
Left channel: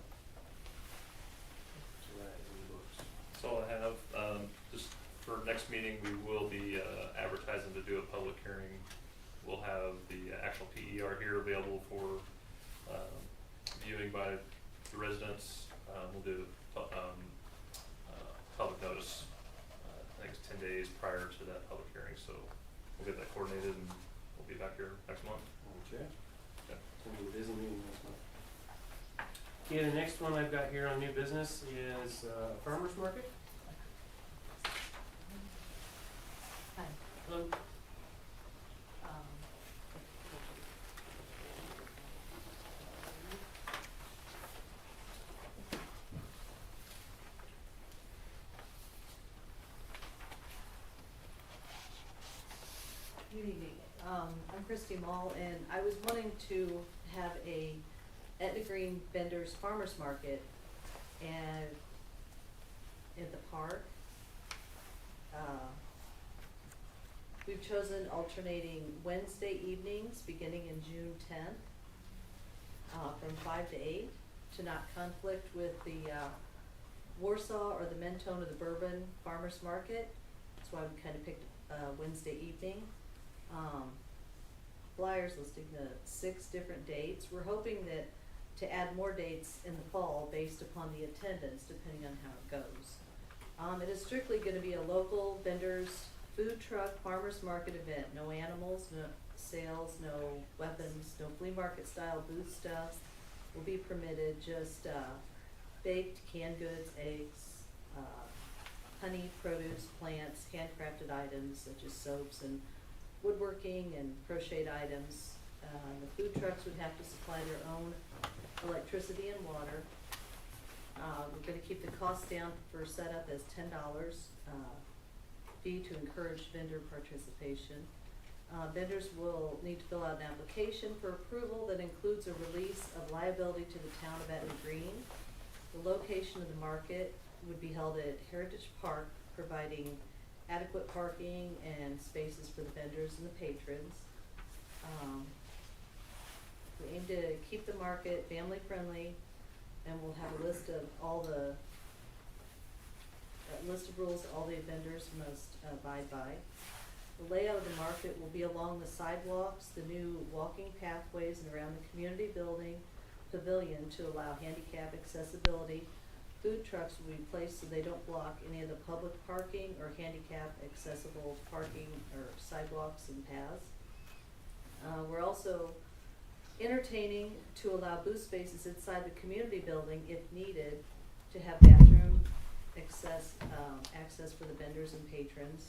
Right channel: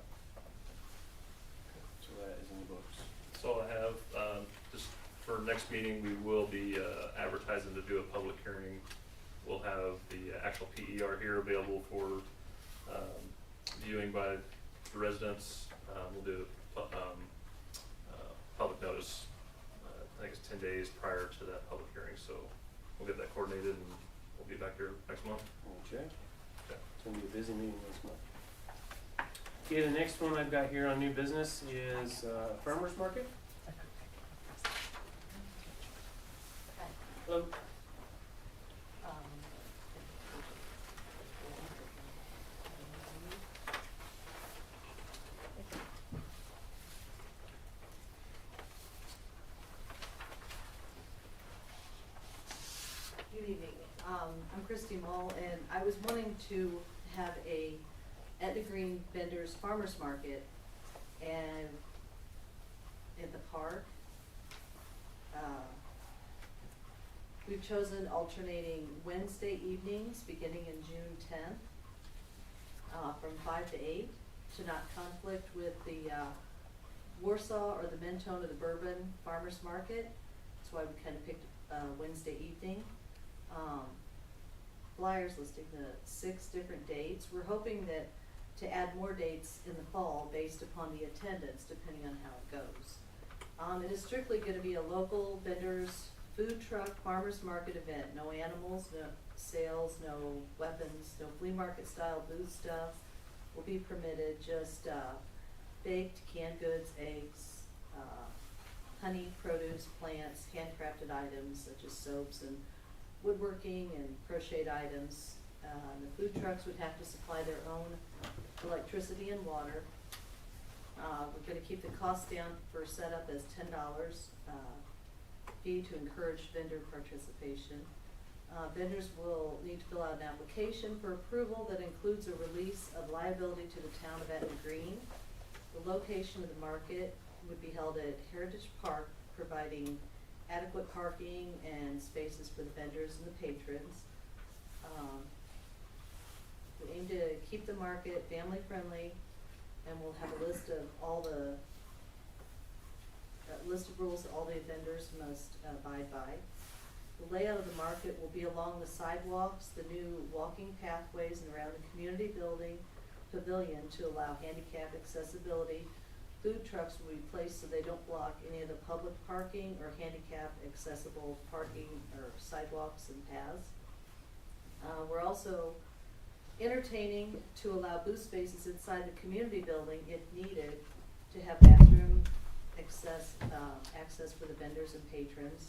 So that is in the books. That's all I have. Just for next meeting, we will be advertising to do a public hearing. We'll have the actual PER here available for viewing by the residents. We'll do public notice, I think it's 10 days prior to that public hearing, so we'll get that coordinated and we'll be back here next month. Okay. Okay. It's gonna be a busy meeting this month. Okay, the next one I've got here on new business is farmer's market. Hi. Hello. Good evening. I'm Christy Mull, and I was wanting to have a Etna Green Vendors Farmers Market and in the park. We've chosen alternating Wednesday evenings beginning in June 10th, from 5 to 8, to not conflict with the Warsaw or the Mentone or the Bourbon Farmers Market. That's why we kind of picked Wednesday evening. Flyers listing the 6 different dates. We're hoping that to add more dates in the fall based upon the attendance, depending on how it goes. It is strictly going to be a local vendors, food truck, farmers market event. No animals, no sales, no weapons, no flea market style booth stuff. will be permitted, just, baked canned goods, eggs, honey, produce, plants, handcrafted items such as soaps and woodworking and crocheted items. The food trucks would have to supply their own electricity and water. We're gonna keep the cost down for setup as $10, fee to encourage vendor participation. Vendors will need to fill out an application for approval that includes a release of liability to the town of Etna Green. The location of the market would be held at Heritage Park, providing adequate parking and spaces for the vendors and the patrons. We aim to keep the market family friendly, and we'll have a list of all the, list of rules all the vendors must abide by. The layout of the market will be along the sidewalks, the new walking pathways, and around the community building pavilion to allow handicap accessibility. Food trucks will be placed so they don't block any of the public parking or handicap accessible parking or sidewalks and paths. We're also entertaining to allow booth spaces inside the community building if needed, to have bathroom access for the vendors and patrons.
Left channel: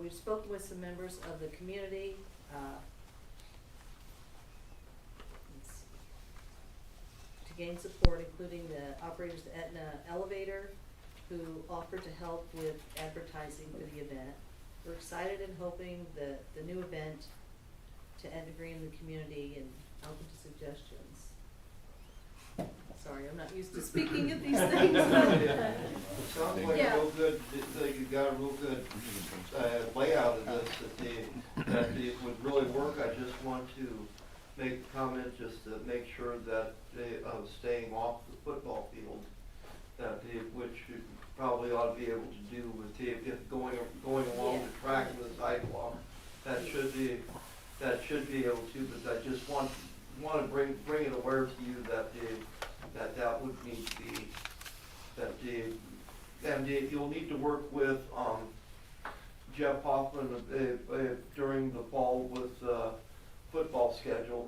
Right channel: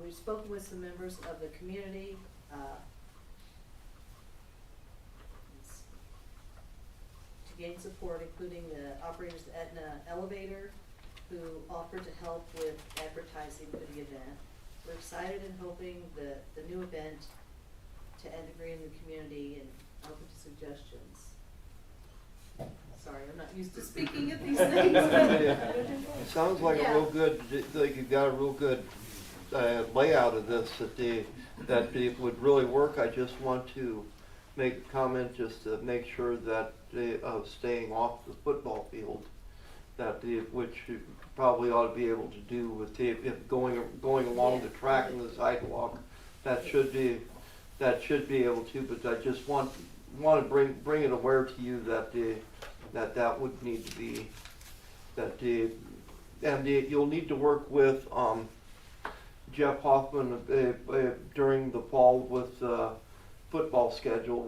We've spoken with some members of the community, to gain support, including the operators of the Etna Elevator, who offered to help with advertising for the event. We're excited and hoping that the new event to Etna Green in the community and open to suggestions. Sorry, I'm not used to speaking of these things. It sounds like a Yeah. real good, like you've got a real good layout of this, that it would really work. I just want to make a comment just to make sure that staying off the football field, which you probably ought to be able to do with if going along the track and the sidewalk, that should be able to. But I just want to bring it aware to you that would need to be and you'll need to work with Jeff Hoffman during the fall with football schedule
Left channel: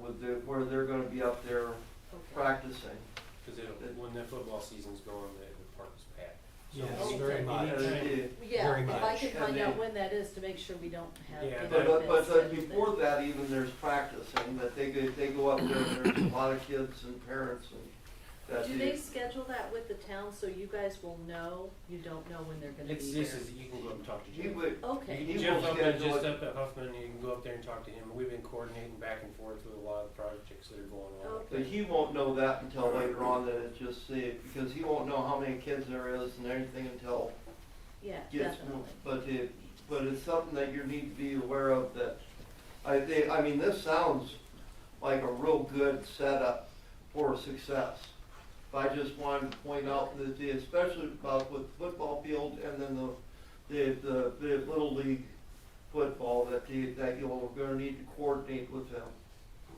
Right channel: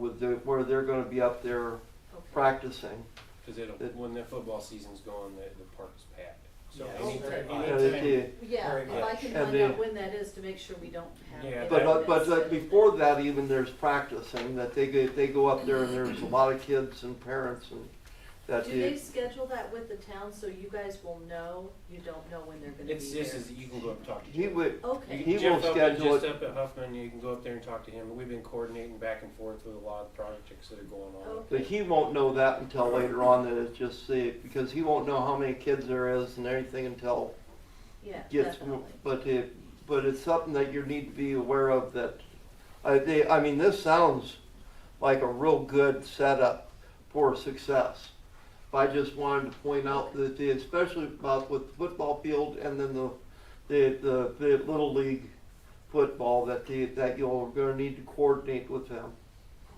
where they're going to be up there practicing. Cause when the football season's going, the park is packed. So Yeah, any- very much. anytime- Yeah, Very if I much. can And find out when that is to make sure we don't have. Yeah, any But events scheduled before then. that, even there's practicing that they go up there and there's a lot of kids and parents and that. Do they schedule that with the town so you guys will know? You don't know when they're gonna be It's, there? this is, you can go up and talk to He Jeff. would. Okay. He will Jeff Huffman, schedule just it. up at Huffman, you can go up there and talk to him. We've been coordinating back and forth with a lot of projects that are going on. Okay. But he won't know that until later on. That it's just because he won't know how many kids there is and everything until Yeah, gets. definitely. But it's something that you need to be aware of. That I mean, this sounds like a real good setup for success. I just wanted to point out that especially about with the football field and then the little league football that you're going to need to coordinate with them.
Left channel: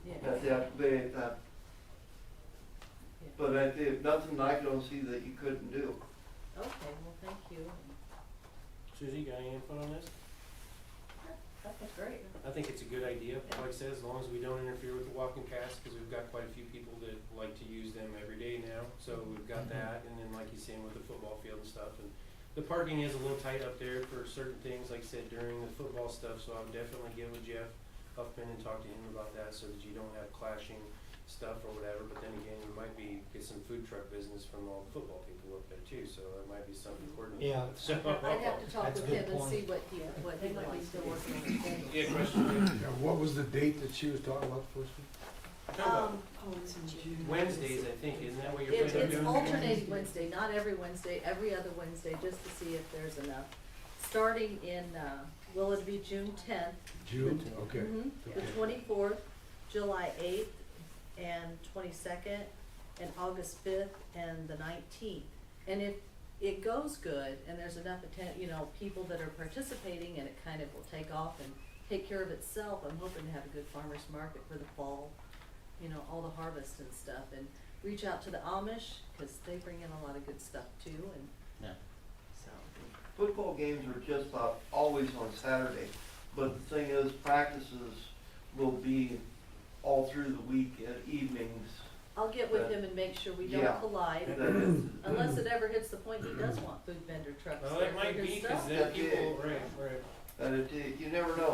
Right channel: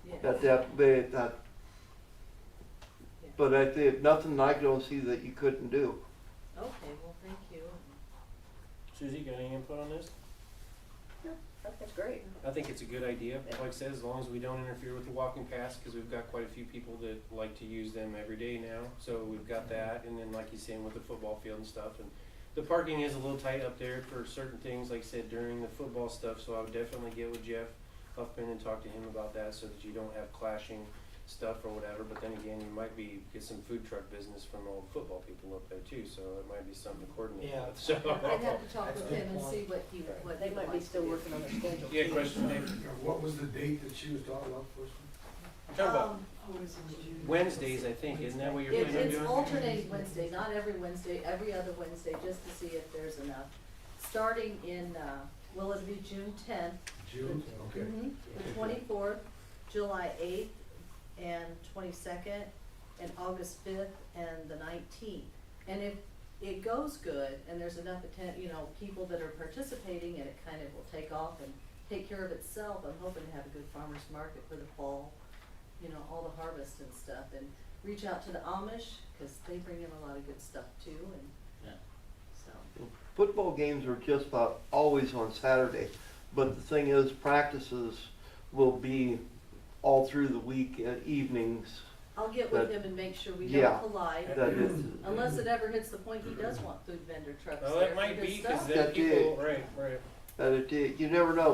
Yeah. That. But nothing I don't see that you couldn't do. Okay, well, thank you. Suzie, got any input on this? That's great. I think it's a good idea, like I said, as long as we don't interfere with the walking paths, cause we've got quite a few people that like to use them every day now, so we've got that, and then like he's saying with the football field and stuff, and the parking is a little tight up there for certain things, like I said, during the football stuff, so I would definitely get with Jeff Huffman and talk to him about that, so that you don't have clashing stuff or whatever, but then again, you might get some food truck business from all the football people up there too, so it might be something to coordinate Yeah. with, so. I'd have to talk That's with a good him and point. see what he They might be likes still to do. working on their schedule. Yeah, question, Dave? What was the date that she was talking about first? Oh, it's in June. Wednesdays, I think, isn't that what you're It's, planning on it's doing? alternating Wednesday, not every Wednesday, every other Wednesday, just to see if there's enough. Starting in, well, it'll be June 10th. June, okay. The 24th, July 8th, and 22nd, and August 5th, and the 19th. And if it goes good, and there's enough people that are participating, and it kind of will take off and take care of itself, I'm hoping to have a good farmer's market for the fall, all the harvest and stuff, and reach out to the Amish, cause they bring in a lot of good stuff too, and so. Football games are just about always on Saturday, but the thing is, practices will be all through the week at evenings I'll get with That- him and make sure we Yeah. don't collide, that is, unless it ever hits the point he does want food vendor trucks Well, there it might for be, his cause stuff. then That people, is- right. that it, you never know,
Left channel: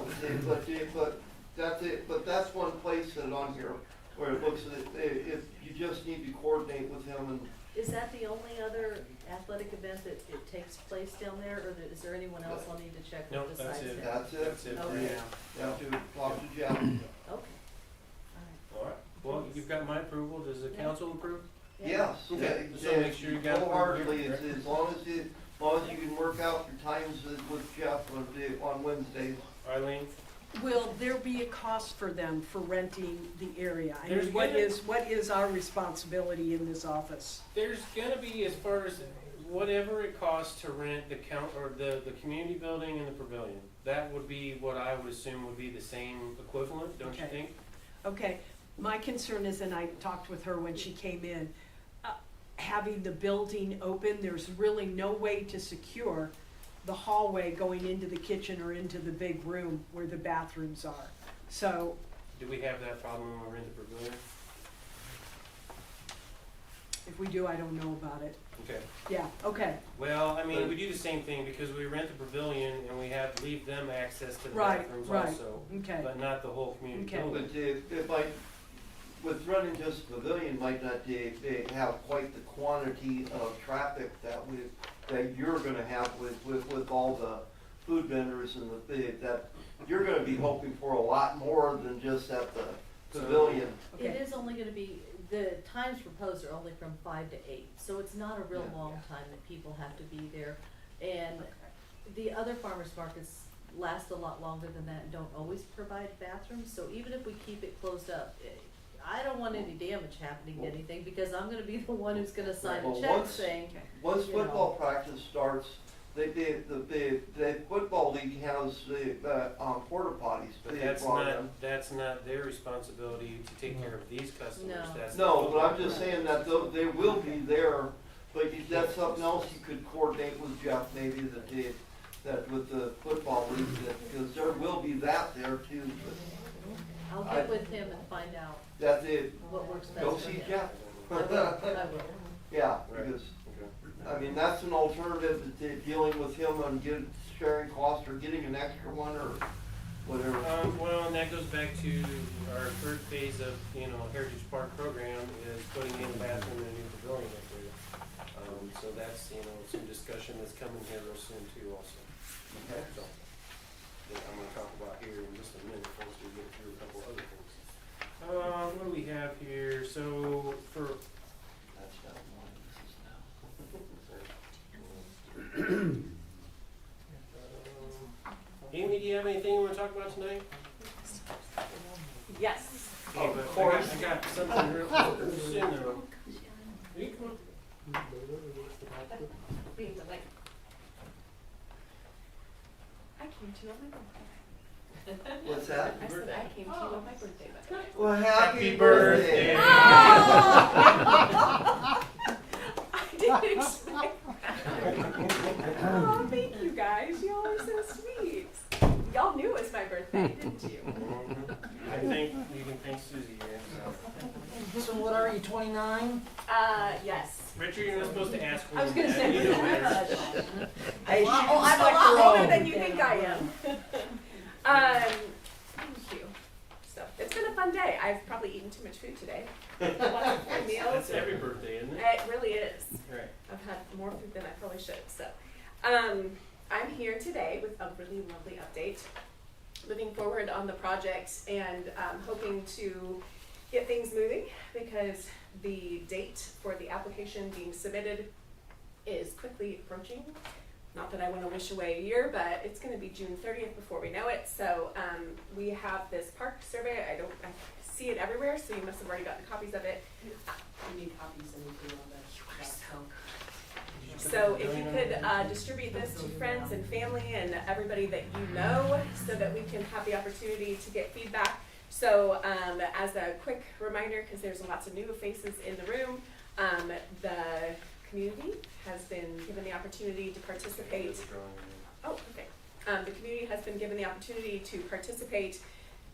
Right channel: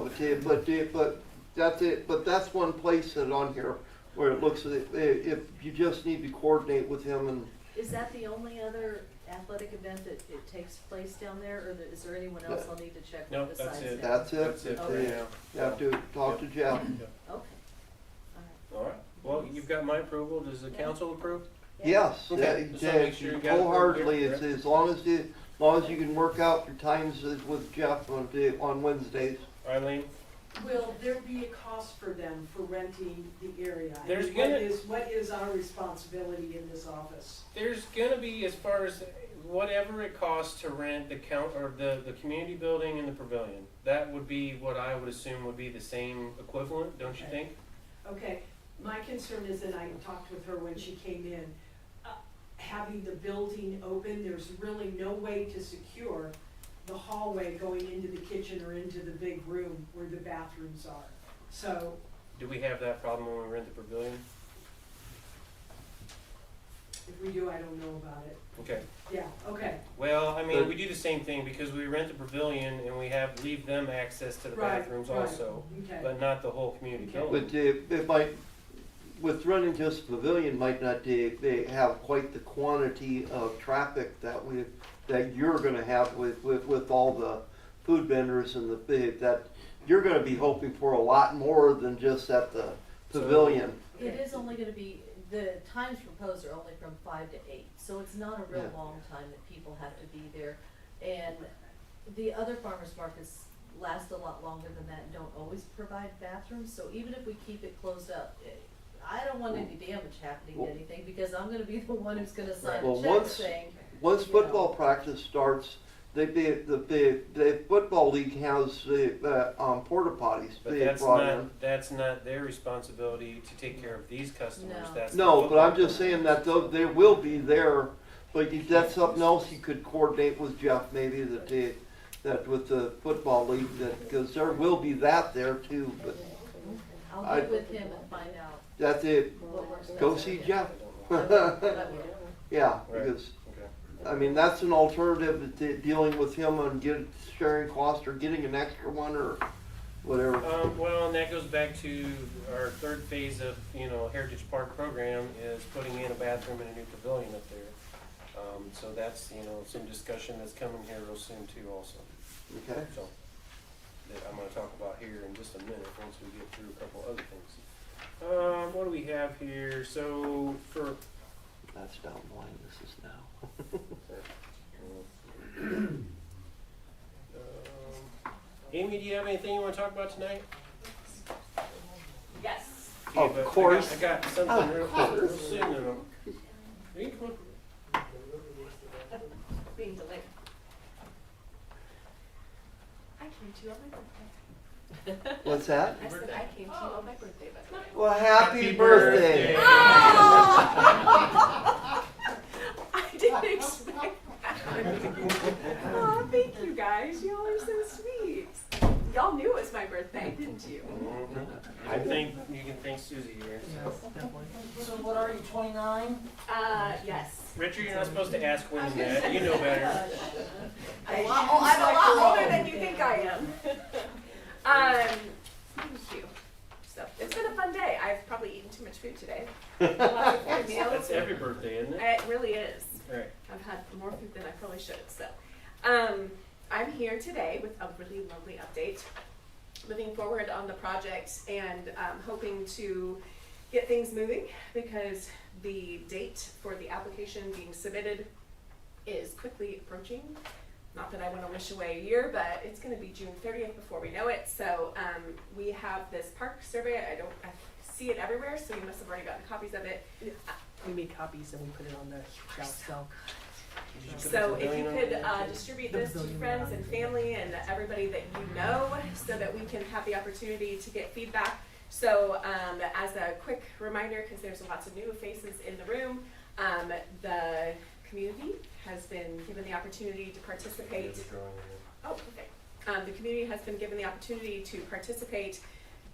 but that's it, but that's one place that on here where it looks, if you just need to coordinate with him and, Is that the only other athletic event that it takes place down there, or is there anyone else I'll need to check Nope, with that's besides it. him? that's it. That's it for Okay. now. You have to talk to Jeff. Okay. Alright, well, you've got my approval, does the council approve? Yes, Okay, just wanna make sure you got it wholeheartedly, perfect, as long as you can work out your times with Jeff on Wednesdays. Arlene? Will there be a cost for them for renting the area? I There's mean, what gonna- is our responsibility in this office? There's gonna be, as far as whatever it costs to rent the the community building and the pavilion, that would be what I would assume would be the same equivalent, don't you Okay. think? Okay, my concern is, and I talked with her when she came in, having the building open, there's really no way to secure the hallway going into the kitchen or into the big room where the bathrooms are. So, Do we have that problem when we rent the pavilion? if we do, I don't know about it. Okay, Yeah, okay, well, I mean, we do the same thing, because we rent the pavilion and we leave them access to the Right, bathrooms right. also, okay. but not the whole community Okay. building. But it might, with running just the pavilion might not they have quite the quantity of traffic that you're gonna have with all the food vendors and that you're gonna be hoping for a lot more than just at the pavilion. It is only gonna be, the times proposed are only from 5 to 8, so it's not a real Yeah. long time that people have to be there. And the other farmers markets last a lot longer than that and don't always provide bathrooms, so even if we keep it closed up, I don't want any damage happening to anything, because I'm gonna be the one who's gonna sign Well, a check once- saying, Once you know. football practice starts, the football league has the porta potties But they that's brought in. that's not their responsibility to take care of these customers, No. that's the No, but I'm football just saying that they will be there, but that's something else you could coordinate with Jeff maybe that with the football league, because there will be that there too, but I'll I- get with him and find out that's it. what works best. Go for see him. Jeff. I will, I will. Yeah, Right. because, Okay. I mean, that's an alternative to dealing with him and sharing cost or getting an extra one or whatever. Well, and that goes back to our third phase of, Heritage Park program is putting in a bathroom and a new pavilion up there. So that's, some discussion that's coming here real soon too also. Okay. So, that I'm gonna talk about here in just a minute, once we get through a couple other things. What do we have here? So, for, That's down the line, this is now. Amy, do you have anything you wanna talk about tonight? Yes. Of Okay, but course. I got something real soon though. You come on. Being delayed. I came to you on my birthday. What's that? I said I came to you on my birthday, but. Well, happy Happy birthday. birthday. I didn't expect that. Oh, thank you guys. Y'all are so sweet. Y'all knew it was my birthday, didn't you? I think you can thank Susie here. So what are you, 29? Yes. Richard, you're not supposed to ask I was women gonna that. say, You know better. Hey, Oh, I'm a lot older than you think I am. Thank you. So it's been a fun day. I've probably eaten too much food today. Lots of good meals. That's every birthday, isn't it? It really is. Right. I've had more food than I probably should. So, I'm here today with a really lovely update, moving forward on the project and hoping to get things moving because the date for the application being submitted is quickly approaching. Not that I want to wish away a year, but it's going to be June 30th before we know it. So we have this park survey. I see it everywhere, so you must have already gotten copies of it. We make copies and we put it on the shelf, so. So if you could distribute this to friends and family and everybody that you know so that we can have the opportunity to get feedback. So as a quick reminder, because there's lots of new faces in the room, the community has been given the opportunity to participate. Oh, okay. The community has been given the opportunity to participate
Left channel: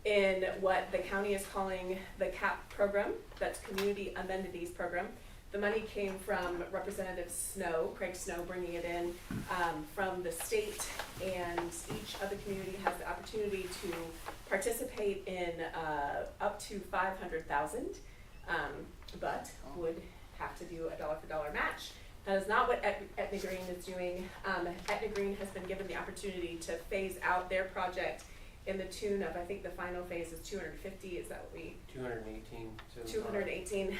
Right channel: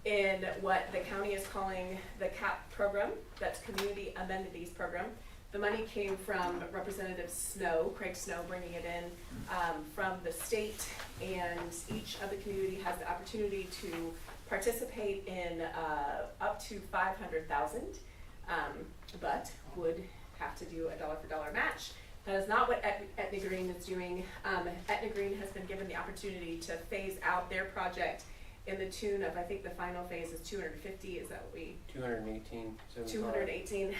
in what the county is calling the CAP program, that's Community Amenities Program. The money came from Representative Snow, Craig Snow, bringing it in from the state, and each of the community has the opportunity to participate in up to $500,000, but would have to do a dollar-for-dollar match. That is not what Etna Green is doing. Etna Green has been given the opportunity to phase out their project in the tune of, I think the final phase is 250, is that what we? 218. 218.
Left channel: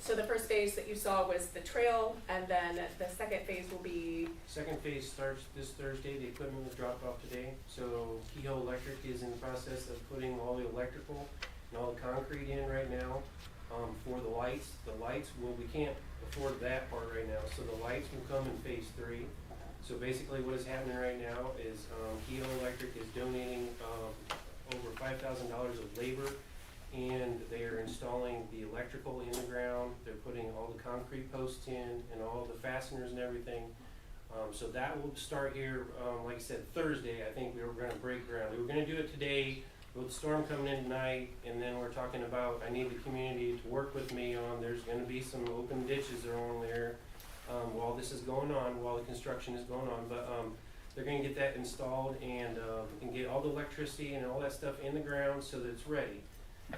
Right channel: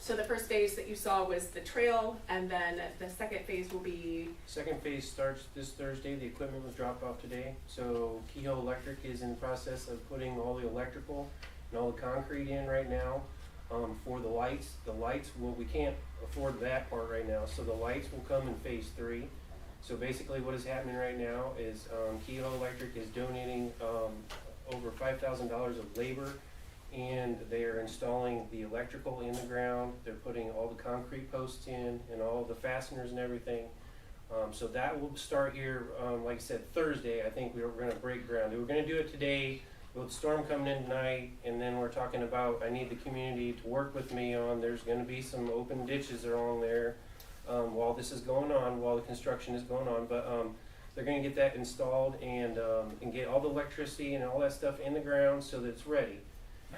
So the first phase that you saw was the trail, and then the second phase will be? Second phase starts this Thursday. The equipment was dropped off today. So Kehoe Electric is in the process of putting all the electrical and all the concrete in right now for the lights. The lights, well, we can't afford that part right now. So the lights will come in phase 3. So basically what is happening right now is Kehoe Electric is donating over $5,000 of labor, and they are installing the electrical in the ground. They're putting all the concrete posts in and all the fasteners and everything. So that will start here, like I said, Thursday. I think we're going to break ground. We were going to do it today with the storm coming in tonight, and then we're talking about, I need the community to work with me on, there's going to be some open ditches along there while this is going on, while the construction is going on. But they're going to get that installed and get all the electricity and all that stuff in the ground so that it's ready.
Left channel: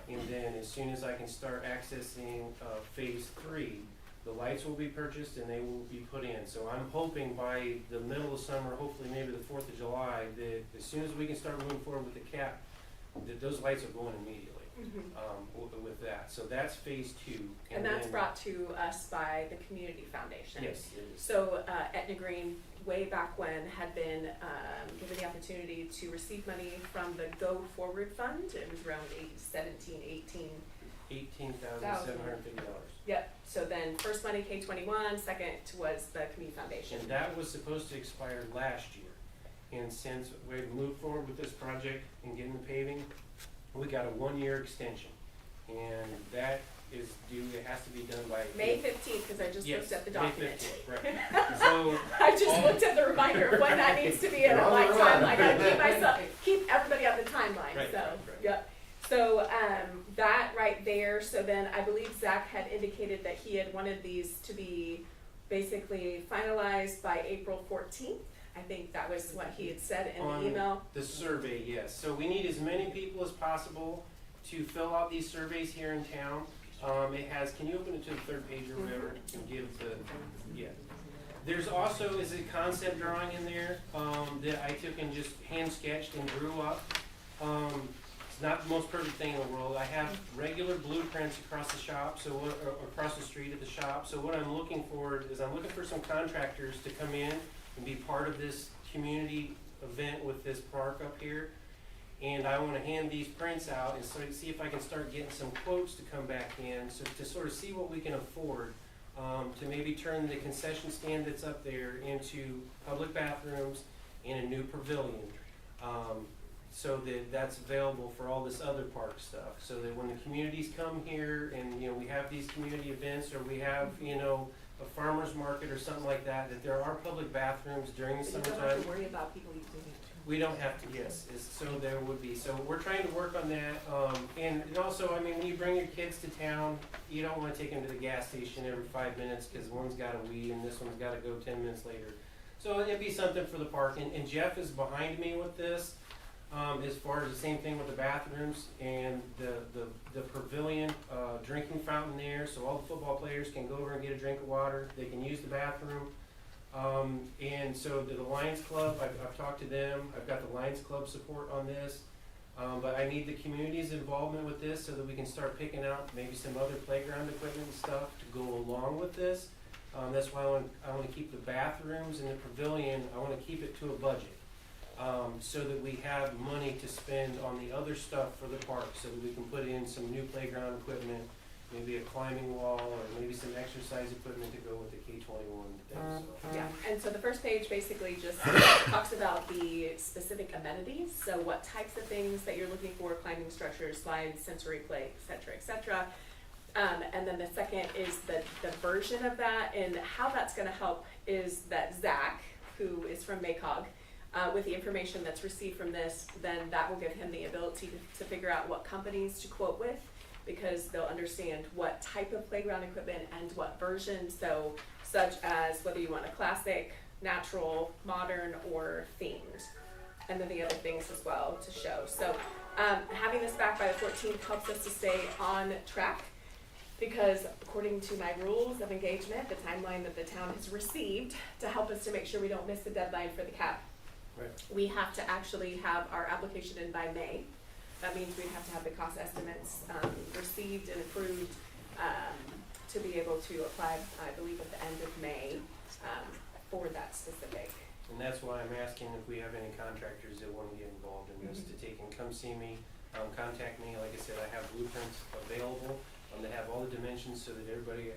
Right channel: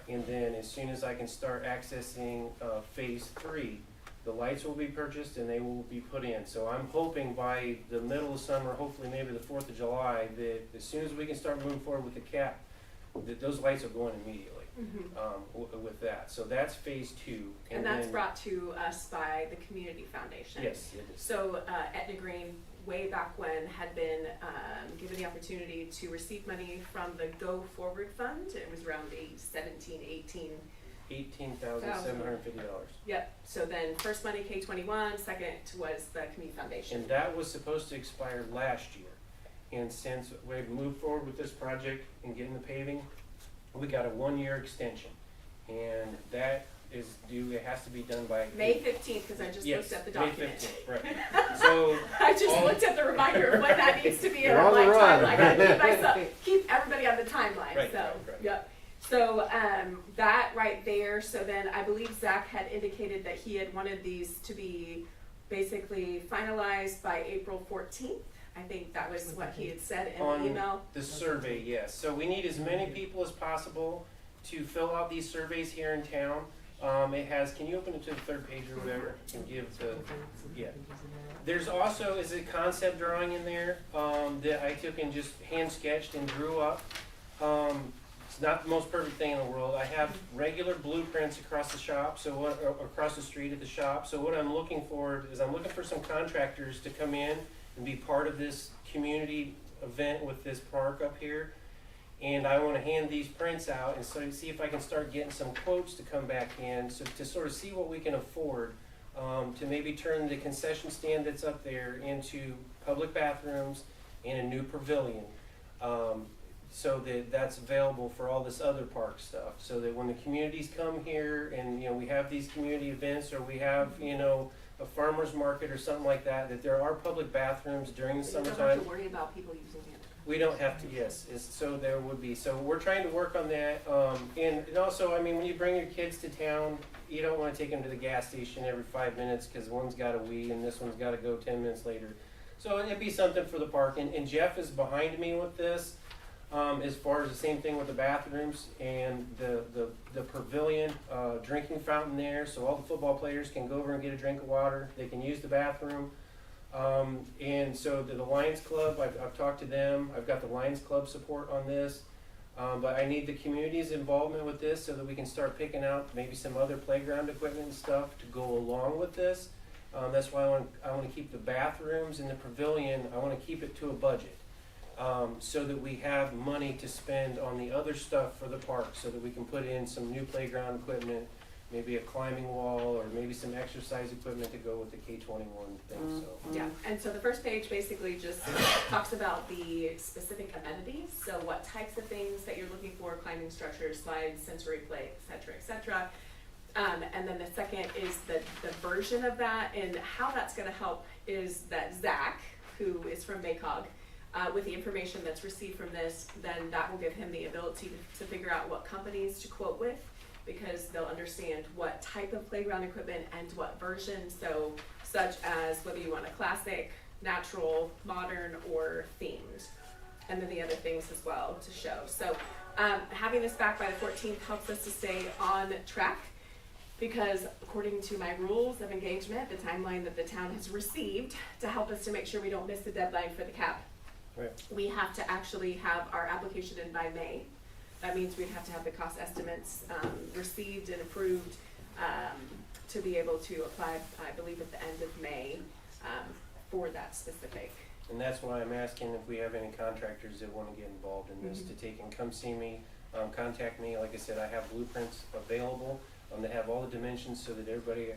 And then as soon as I can start accessing phase 3, the lights will be purchased and they will be put in. So I'm hoping by the middle of summer, hopefully maybe the 4th of July, that as soon as we can start moving forward with the cap, that those lights are going immediately with that. So that's phase 2. And that's brought to us by the Community Foundation. Yes, it is. So Etna Green, way back when, had been given the opportunity to receive money from the Go Forward Fund. It was around $18,750. Yep. So then first money K-21, second was the Community Foundation. And that was supposed to expire last year. And since we've moved forward with this project and getting the paving, we got a 1-year extension. And that is due, it has to be done by May 15th, because I just looked at the document. May 15th, right. So I just looked at the reminder of when that needs to be in You're on my the run. timeline. I gotta keep everybody on the timeline. Right, So, right. yep. So that right there. So then I believe Zach had indicated that he had wanted these to be basically finalized by April 14th. I think that was what he had said in on the email. the survey, yes. So we need as many people as possible to fill out these surveys here in town. It has, can you open it to the 3rd page or whatever and give the, yeah. There's also, is a concept drawing in there that I took and just hand sketched and drew up. It's not the most perfect thing in the world. I have regular blueprints across the shop, so across the street at the shop. So what I'm looking for is I'm looking for some contractors to come in and be part of this community event with this park up here. And I want to hand these prints out and so see if I can start getting some quotes to come back in, so to sort of see what we can afford to maybe turn the concession stand that's up there into public bathrooms and a new pavilion, so that that's available for all this other park stuff. So that when the communities come here and we have these community events, or we have a farmer's market or something like that, that there are public bathrooms during the So you summertime. don't have to worry about people using it. We don't have to, yes, so there would be. So we're trying to work on that. And also, I mean, when you bring your kids to town, you don't want to take them to the gas station every 5 minutes because one's got a wee and this one's got to go 10 minutes later. So it'd be something for the park. And Jeff is behind me with this, as far as the same thing with the bathrooms and the pavilion, drinking fountain there, so all the football players can go over and get a drink of water. They can use the bathroom. And so the Lions Club, I've talked to them. I've got the Lions Club support on this. But I need the community's involvement with this so that we can start picking out maybe some other playground equipment and stuff to go along with this. That's why I want to keep the bathrooms and the pavilion, I want to keep it to a budget. So that we have money to spend on the other stuff for the park, so that we can put in some new playground equipment, maybe a climbing wall, or maybe some exercise equipment to go with the K-21 thing. So. Yeah, and so the first page basically just talks about the specific amenities, so what types of things that you're looking for, climbing structures, slides, sensory play, et cetera. And then the second is the version of that, and how that's gonna help is that Zach, who is from MACOG, with the information that's received from this, then that will give him the ability to figure out what companies to quote with, because they'll understand what type of playground equipment and what version, so such as whether you want a classic, natural, modern, or themed. And then the other things as well to show. So having this back by the 14th helps us to stay on track, because according to my rules of engagement, the timeline that the town has received to help us to make sure we don't miss the deadline for the cap, Right. we have to actually have our application in by May. That means we have to have the cost estimates received and approved to be able to apply, I believe, at the end of May for that specific. And that's why I'm asking if we have any contractors that wanna get involved in this, to take and come see me, contact me. Like I said, I have blueprints available, they have all the dimensions so that everybody,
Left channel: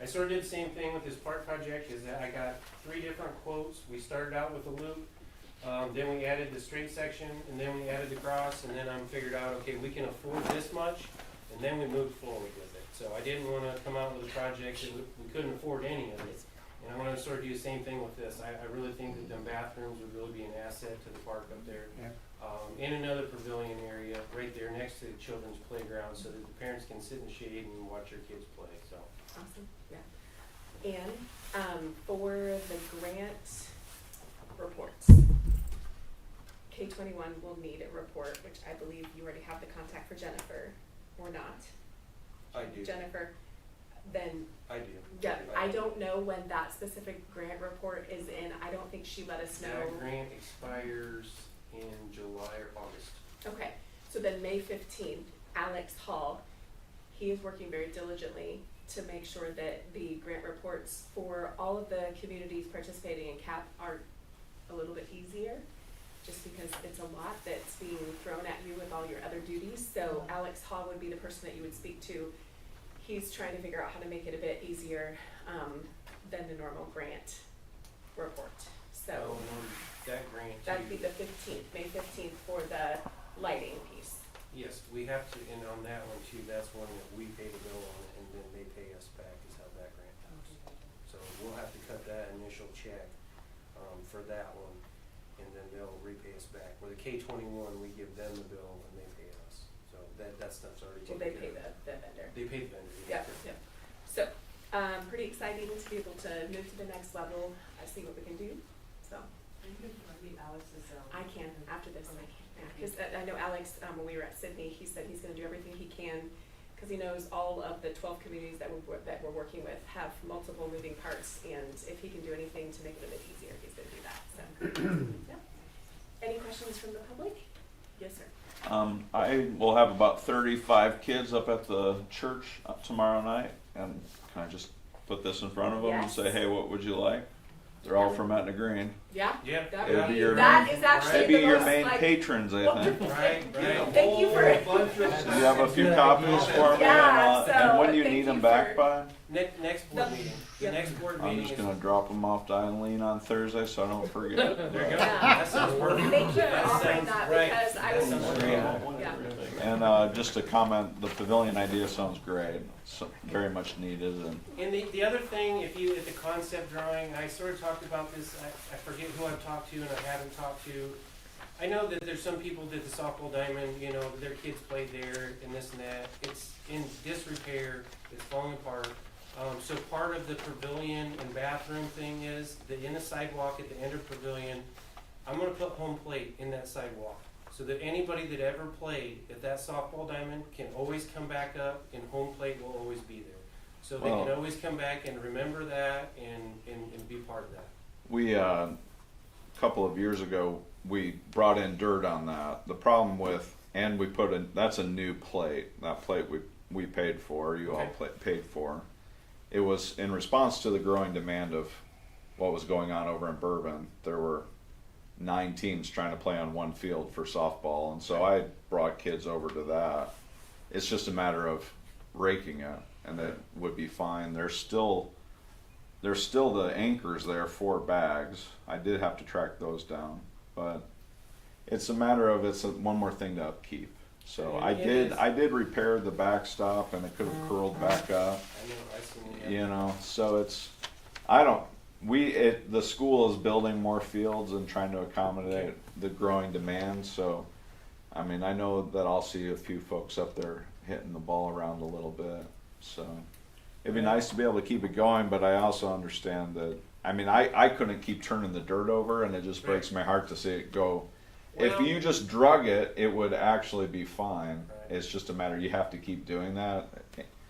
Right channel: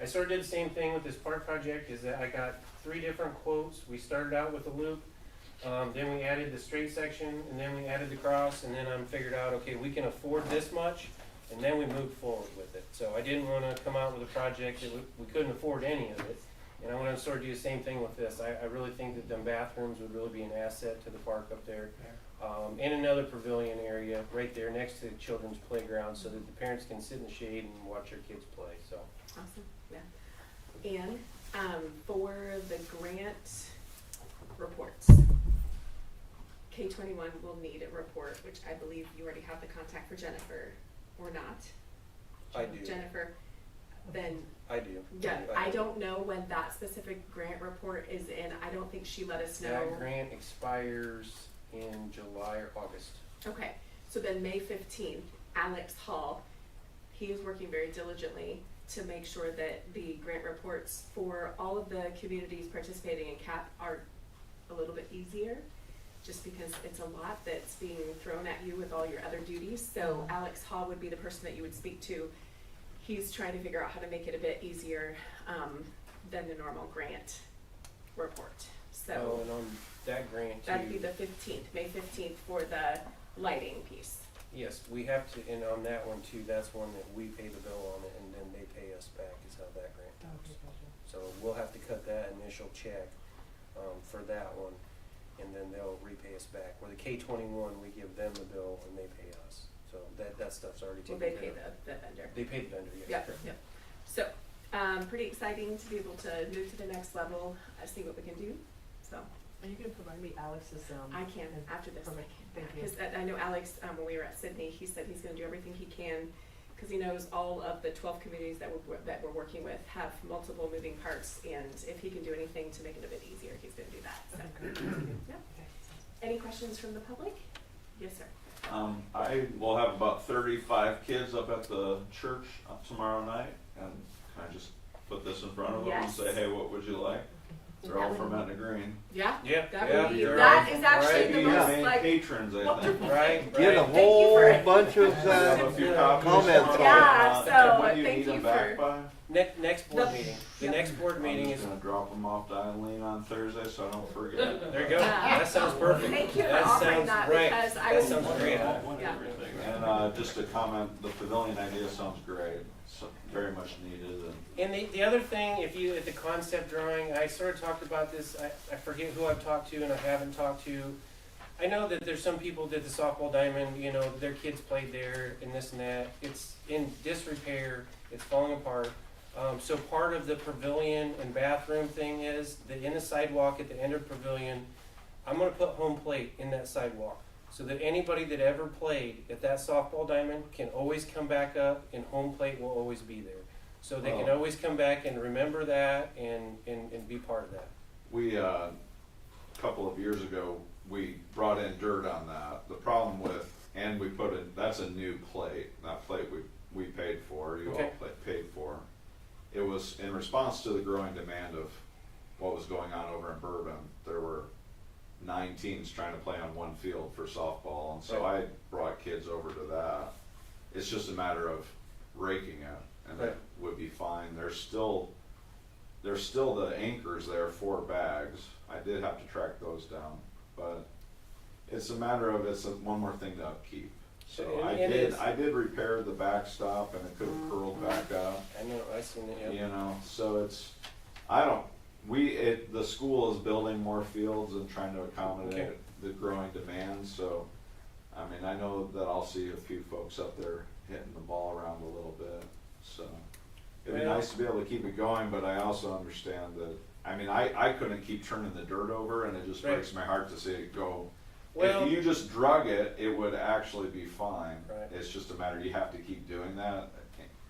I sort of did the same thing with this park project, is that I got 3 different quotes. We started out with a loop, then we added the straight section, and then we added the cross, and then I figured out, okay, we can afford this much, and then we moved forward with it. So I didn't wanna come out with a project that we couldn't afford any of it. And I want to sort of do the same thing with this. I really think that them bathrooms would really be an asset to the park up there. In another pavilion area right there next to the children's playground, so that the parents can sit in the shade and watch their kids play. So Awesome, yeah. And for the grant reports, K-21 will need a report, which I believe you already have the contact for Jennifer, or not? I do. Jennifer, then, I do. yeah, I don't know when that specific grant report is in. I don't think she let us know. That grant expires in July or August. Okay, so then May 15th, Alex Hall, he is working very diligently to make sure that the grant reports for all of the communities participating in CAP are a little bit easier, just because it's a lot that's being thrown at you with all your other duties. So Alex Hall would be the person that you would speak to. He's trying to figure out how to make it a bit easier than the normal grant report. So and on that grant too. that'd be the 15th, May 15th for the lighting piece. Yes, we have to, and on that one too, that's one that we pay the bill on it, and then they pay us back, is how that grant works. So we'll have to cut that initial check for that one, and then they'll repay us back. Where the K-21, we give them the bill and they pay us. So that stuff's already Well, taken they care pay of. the vendor. They pay the vendor, yes. Yep, yep. So, pretty exciting to be able to move to the next level, see what we can do, so. Are you gonna provide me Alex's, I can, after this, I Okay, can, thank you. because I know Alex, when we were at Sydney, he said he's gonna do everything he can, because he knows all of the 12 communities that we're working with have multiple moving parts, and if he can do anything to make it a bit easier, he's gonna do that, so. Yep. Any questions from the public? Yes, sir. I will have about 35 kids up at the church tomorrow night, and can I just put this in front of them and Yes. say, hey, what would you like? They're all from Etna Green. Yeah? Yeah, That yeah. would be, You're that on- is actually Maybe the your most, main like, patrons, I think. wonderful. Right, Get a right. Thank you whole for- bunch of We have a few copies for comments. them. Yeah, so and when do you thank need them you back for- by? Next board The- meeting. The Yep. next board I'm meeting just is, gonna drop them off to Eileen on Thursday so I don't forget. there you go. Yeah. That sounds perfect. Thank you for That offering sounds that, right. because I That was. sounds great. Yeah. And just to comment, the pavilion idea sounds great, so very much needed, and And the other thing, if the concept drawing, I sort of talked about this, I forget who I've talked to and I haven't talked to. I know that there's some people that the softball diamond, their kids played there and this and that. It's in disrepair, it's falling apart. So part of the pavilion and bathroom thing is that in the sidewalk at the end of the pavilion, I'm gonna put home plate in that sidewalk. So that anybody that ever played at that softball diamond can always come back up and home plate will always be there. So they can Oh. always come back and remember that and be part of that. we, a couple of years ago, we brought in dirt on that. The problem with, and we put in, that's a new plate, that plate we paid for, you all Okay. paid for. It was in response to the growing demand of what was going on over in Bourbon. There were 9 teams trying to play on one field for softball, and so I brought kids over to that. It's just a matter of raking it, and that would be fine. There's still the anchors there, 4 bags. I did have to track those down, but it's a matter of one more thing to upkeep. So And it is. I did repair the backstop, and it could have curled back up. I know, I seen it. Yeah. So the school is building more fields and trying to accommodate Okay. the growing demand, so, I mean, I know that I'll see a few folks up there hitting the ball around a little bit, so. It'd be Yeah. nice to be able to keep it going, but I also understand that, I mean, I couldn't keep turning the dirt over, and it just breaks my heart to see it go. If Well- you just drug it, it would actually be fine. Right. It's just a matter, you have to keep doing that.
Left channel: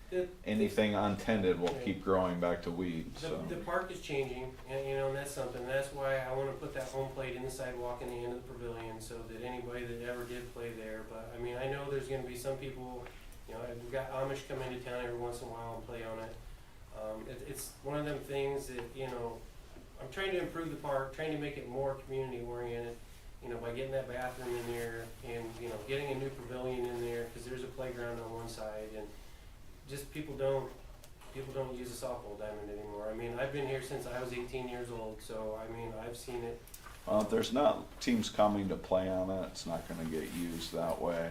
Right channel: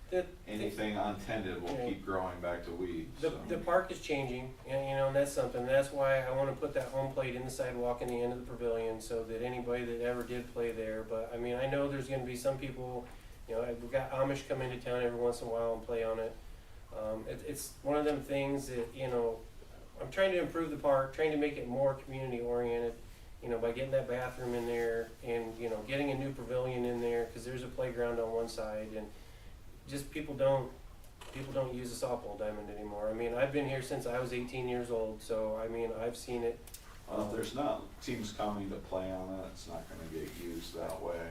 The- Anything untended will Yeah. keep growing back to weeds, so. The park is changing, and you know, and that's something, that's why I wanna put that home plate in the sidewalk in the end of the pavilion, so that anybody that ever did play there, but, I mean, I know there's gonna be some people, you know, we've got Amish come into town every once in a while and play on it. It's one of them things that, you know, I'm trying to improve the park, trying to make it more community oriented, you know, by getting that bathroom in there and, you know, getting a new pavilion in there, cause there's a playground on one side, and just people don't use a softball diamond anymore. I mean, I've been here since I was 18 years old, so I mean, I've seen it. Well, if there's not teams coming to play on it, it's not gonna get used that way.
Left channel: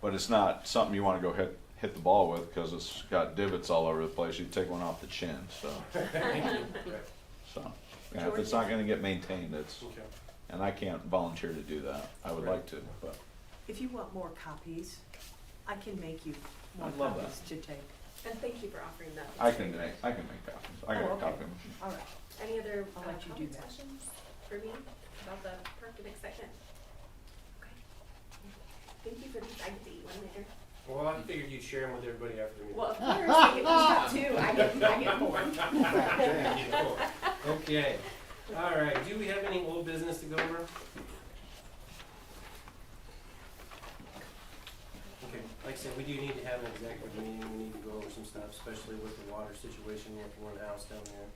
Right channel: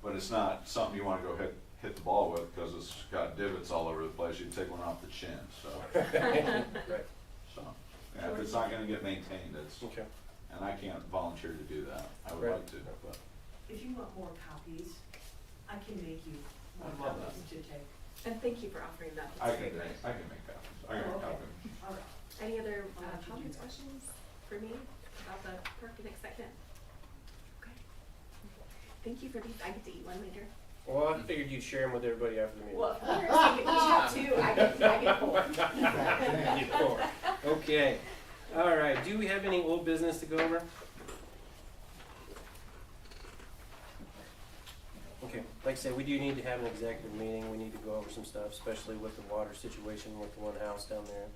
But it's not something you wanna go hit the ball with, cause it's got divots all over the place, you take one off the chin, so. Right. So, yeah, if it's not gonna get maintained, it's, Okay. and I can't volunteer to do that, I would Right. like to, but. If you want more copies, I can make you more I'd love copies to take. And thank you for offering that. I That's can very make, great. I can make copies, I got Oh, a okay. copy. All right. Any other I'll let you do comments, that. questions for me about the park and excitement? Okay. Thank you for these. I get to eat one later. Well, I figured you'd share them with everybody after the meeting. Well, of course, I get, you have two. I get four. You get four. Okay, all right, do we have any old business to go over? Okay, like I said, we do need to have an executive meeting, we need to go over some stuff, especially with the water situation with the one house down there.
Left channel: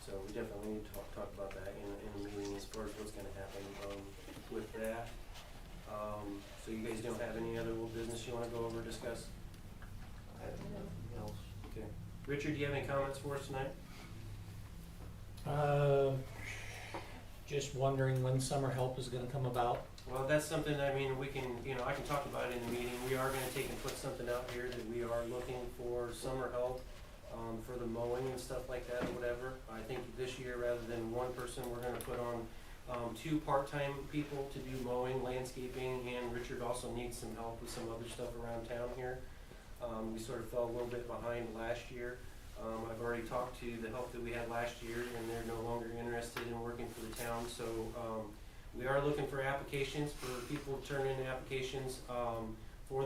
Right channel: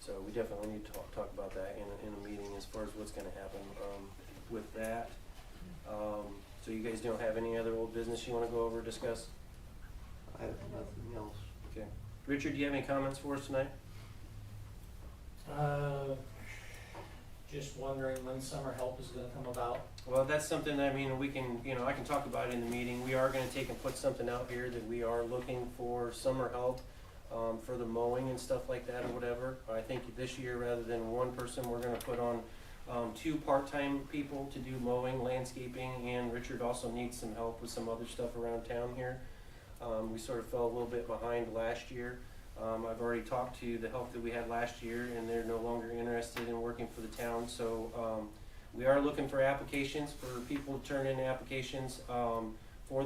So we definitely need to talk about that in a meeting as far as what's gonna happen, with that. So you guys don't have any other old business you wanna go over, discuss? I have nothing else. Okay. Richard, do you have any comments for us tonight? Just wondering when summer help is gonna come about. Well, that's something, I mean, we can, you know, I can talk about it in the meeting. We are gonna take and put something out here that we are looking for summer help, for the mowing and stuff like that or whatever. I think this year, rather than one person, we're gonna put on, two part-time people to do mowing, landscaping, and Richard also needs some help with some other stuff around town here. We sort of fell a little bit behind last year. I've already talked to the help that we had last year, and they're no longer interested in working for the town, so, we are looking for applications, for people to turn in applications, for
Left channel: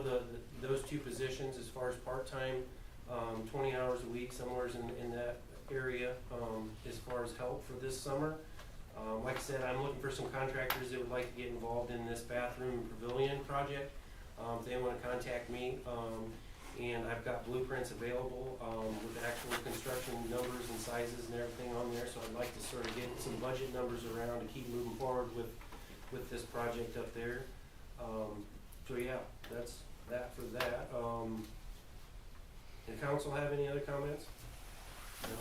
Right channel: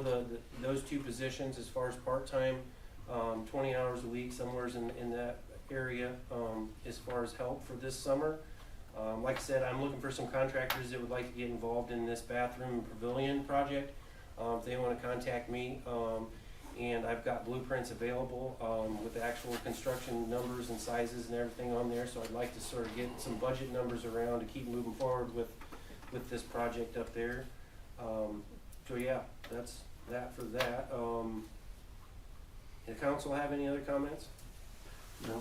those two positions as far as part-time, 20 hours a week, somewhere in that area, as far as help for this summer. Like I said, I'm looking for some contractors that would like to get involved in this bathroom pavilion project. If they wanna contact me, and I've got blueprints available, with the actual construction numbers and sizes and everything on there, so I'd like to sort of get some budget numbers around to keep moving forward with this project up there. So yeah, that's that for that. The council have any other comments? No?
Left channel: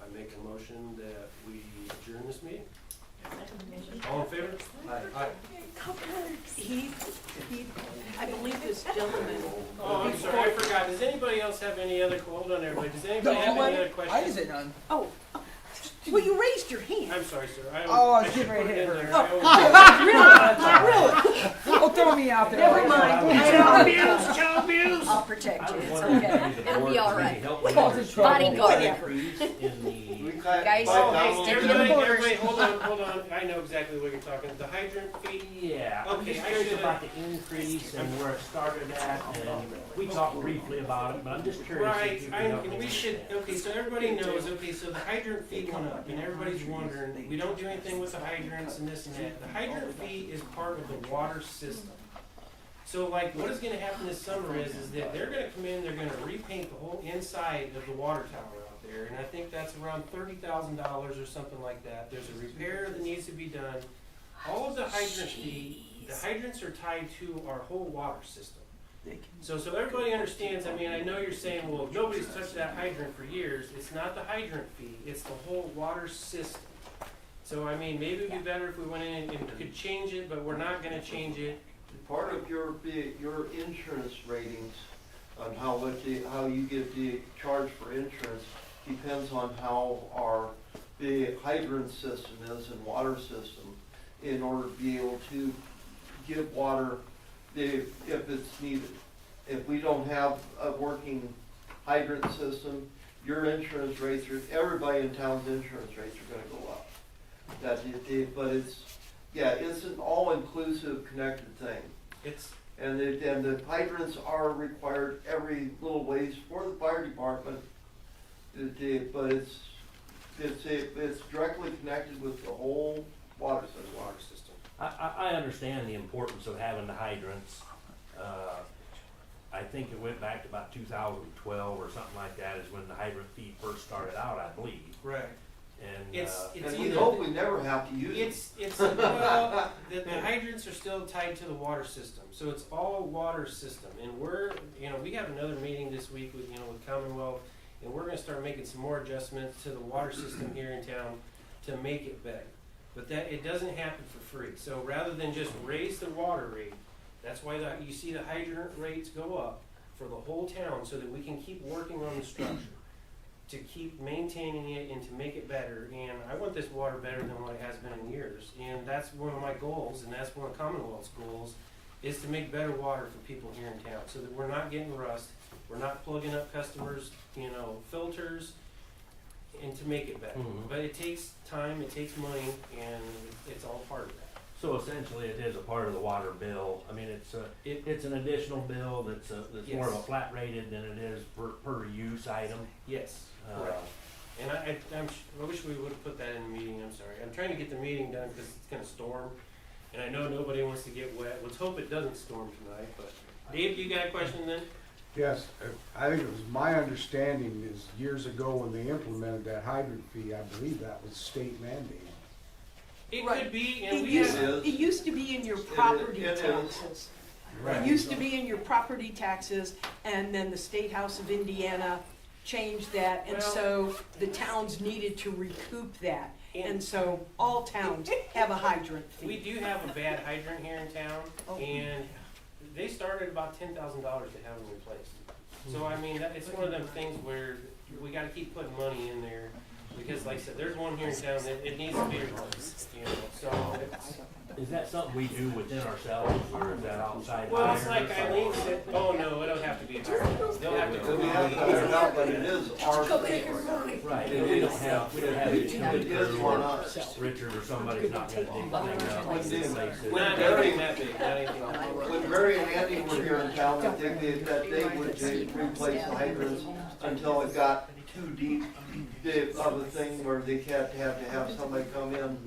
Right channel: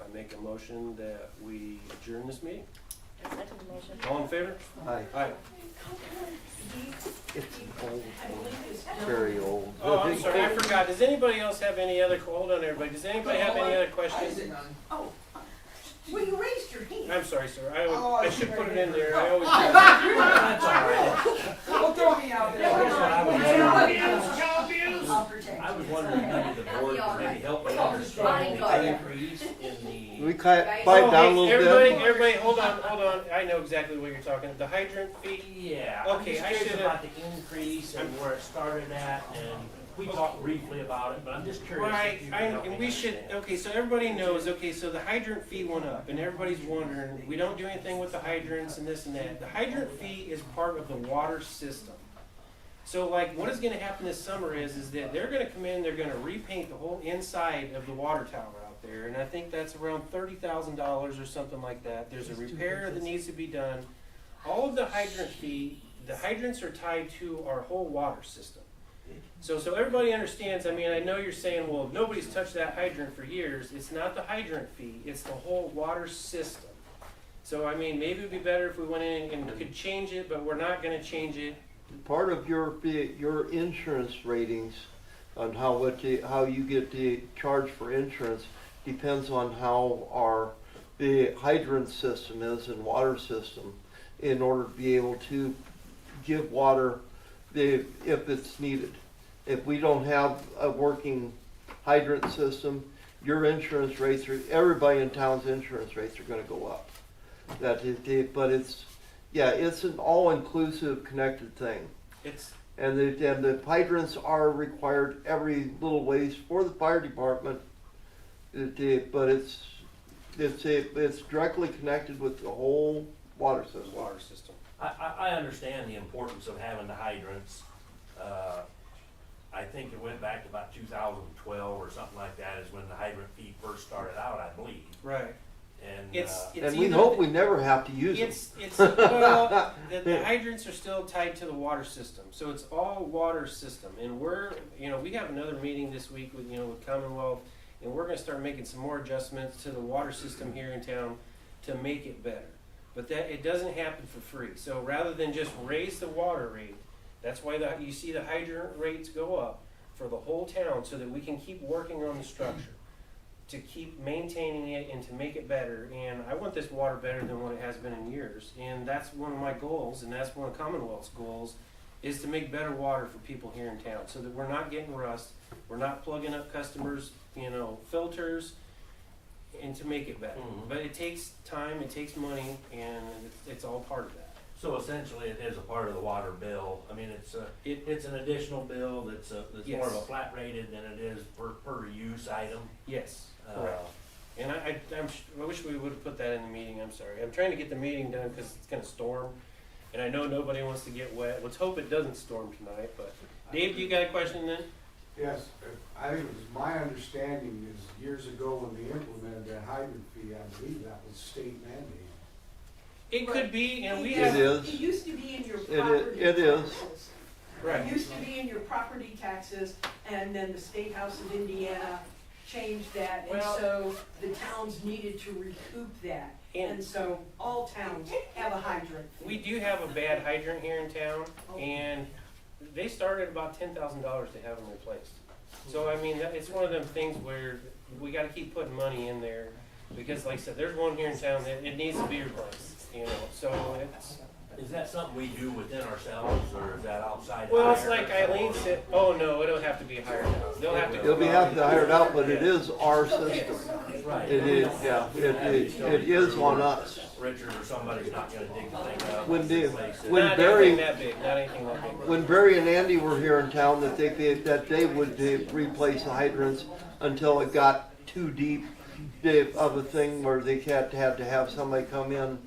I make a motion that we adjourn this meeting. All in favor? Aye. Aye. I believe this Very gentleman. old. Oh, I'm sorry, I forgot. Does anybody else have any other, hold on everybody, does anybody have any other questions? Oh, well, you raised your hand. I'm sorry, sir, Oh, I I should see put right it in here. there, I always do. Really? Don't throw me out there. Never mind. I'll protect I you. was It's wondering okay. if the It'll board be all could maybe right. help me Oh, understand the bodyguard. increase in the. We Guys. pipe down a Oh, little everybody, bit. everybody, hold on, I know exactly what you're talking, the hydrant fee. Yeah, I'm Okay, just I curious should've- about the increase and where it started at, and we talked briefly about it, but I'm just curious. Right, if you can help and me we should, understand. okay, so everybody knows, okay, so the hydrant fee went up, and everybody's wondering, we don't do anything with the hydrants and this and that. The hydrant fee is part of the water system. So like, what is gonna happen this summer is that they're gonna come in, they're gonna repaint the whole inside of the water tower out there, and I think that's around $30,000 or something like that. There's a repair that needs to be done. All of the hydrant fee, the hydrants are tied to our whole water system. So everybody understands, I mean, I know you're saying, well, nobody's touched that hydrant for years. It's not the hydrant fee, it's the whole water system. So I mean, maybe it'd be better if we went in and could change it, but we're not gonna change it. Part of your insurance ratings on how you get the charge for insurance depends on how the hydrant system is and water system in order to be able to give water if it's needed. If we don't have a working hydrant system, your insurance rates everybody in town's insurance rates are gonna go up. But it's an all-inclusive connected thing. And the hydrants are required every little ways for the fire department, but it's directly connected with the whole water system. I understand the importance of having the hydrants. I think it went back to about 2012 or something like that is when the hydrant fee first started out, I believe. Right. And, And we hope we never have to use them. Well, the hydrants are still tied to the water system, so it's all water system. And we have another meeting this week with Commonwealth, and we're gonna start making some more adjustments to the water system here in town to make it better. But it doesn't happen for free. So rather than just raise the water rate, that's why you see the hydrant rates go up for the whole town, so that we can keep working on the structure, to keep maintaining it and to make it better. And I want this water better than what it has been in years. And that's one of my goals, and that's one of Commonwealth's goals, is to make better water for people here in town, so that we're not getting rust, we're not plugging up customers' filters, and to make it better. But it takes time, it takes money, and it's all part of that. so essentially it is a part of the water bill. I mean, it's an additional bill that's Yes. more of a flat rated than it is per use item. Yes, correct. And I wish we would have put that in the meeting, I'm sorry. I'm trying to get the meeting done because it's gonna storm, and I know nobody wants to get wet. Let's hope it doesn't storm tonight, but Dave, you got a question then? Yes, I think it was my understanding is years ago when they implemented that hydrant fee, I believe that was state mandated. It could be, and It we used- have. It is. It used to be in your property it is. taxes. Right. It used to be in your property taxes, and then the State House of Indiana changed that, and Well- so the towns needed to recoup that. And so all towns have a hydrant fee. We do have a bad hydrant here in town, and they started about $10,000 to have them replaced. So I mean, it's one of them things where we gotta keep putting money in there, because like I said, there's one here in town that it needs to be replaced, so it's. Is that something we do within ourselves, or is that outside? Well, it's hire? like Eileen said, oh no, it'll have to be hired out. They'll have to. They'll be have to hire it out, but it is our system. Right. It is, yeah, We don't have any it is on us. Richard or somebody's not gonna dig the thing up. When and the- replace it. when Not Barry- anything that big, not anything that big. When Barry and Andy were here in town, that they would replace the hydrants until it got too deep of a thing where they had to have somebody come in,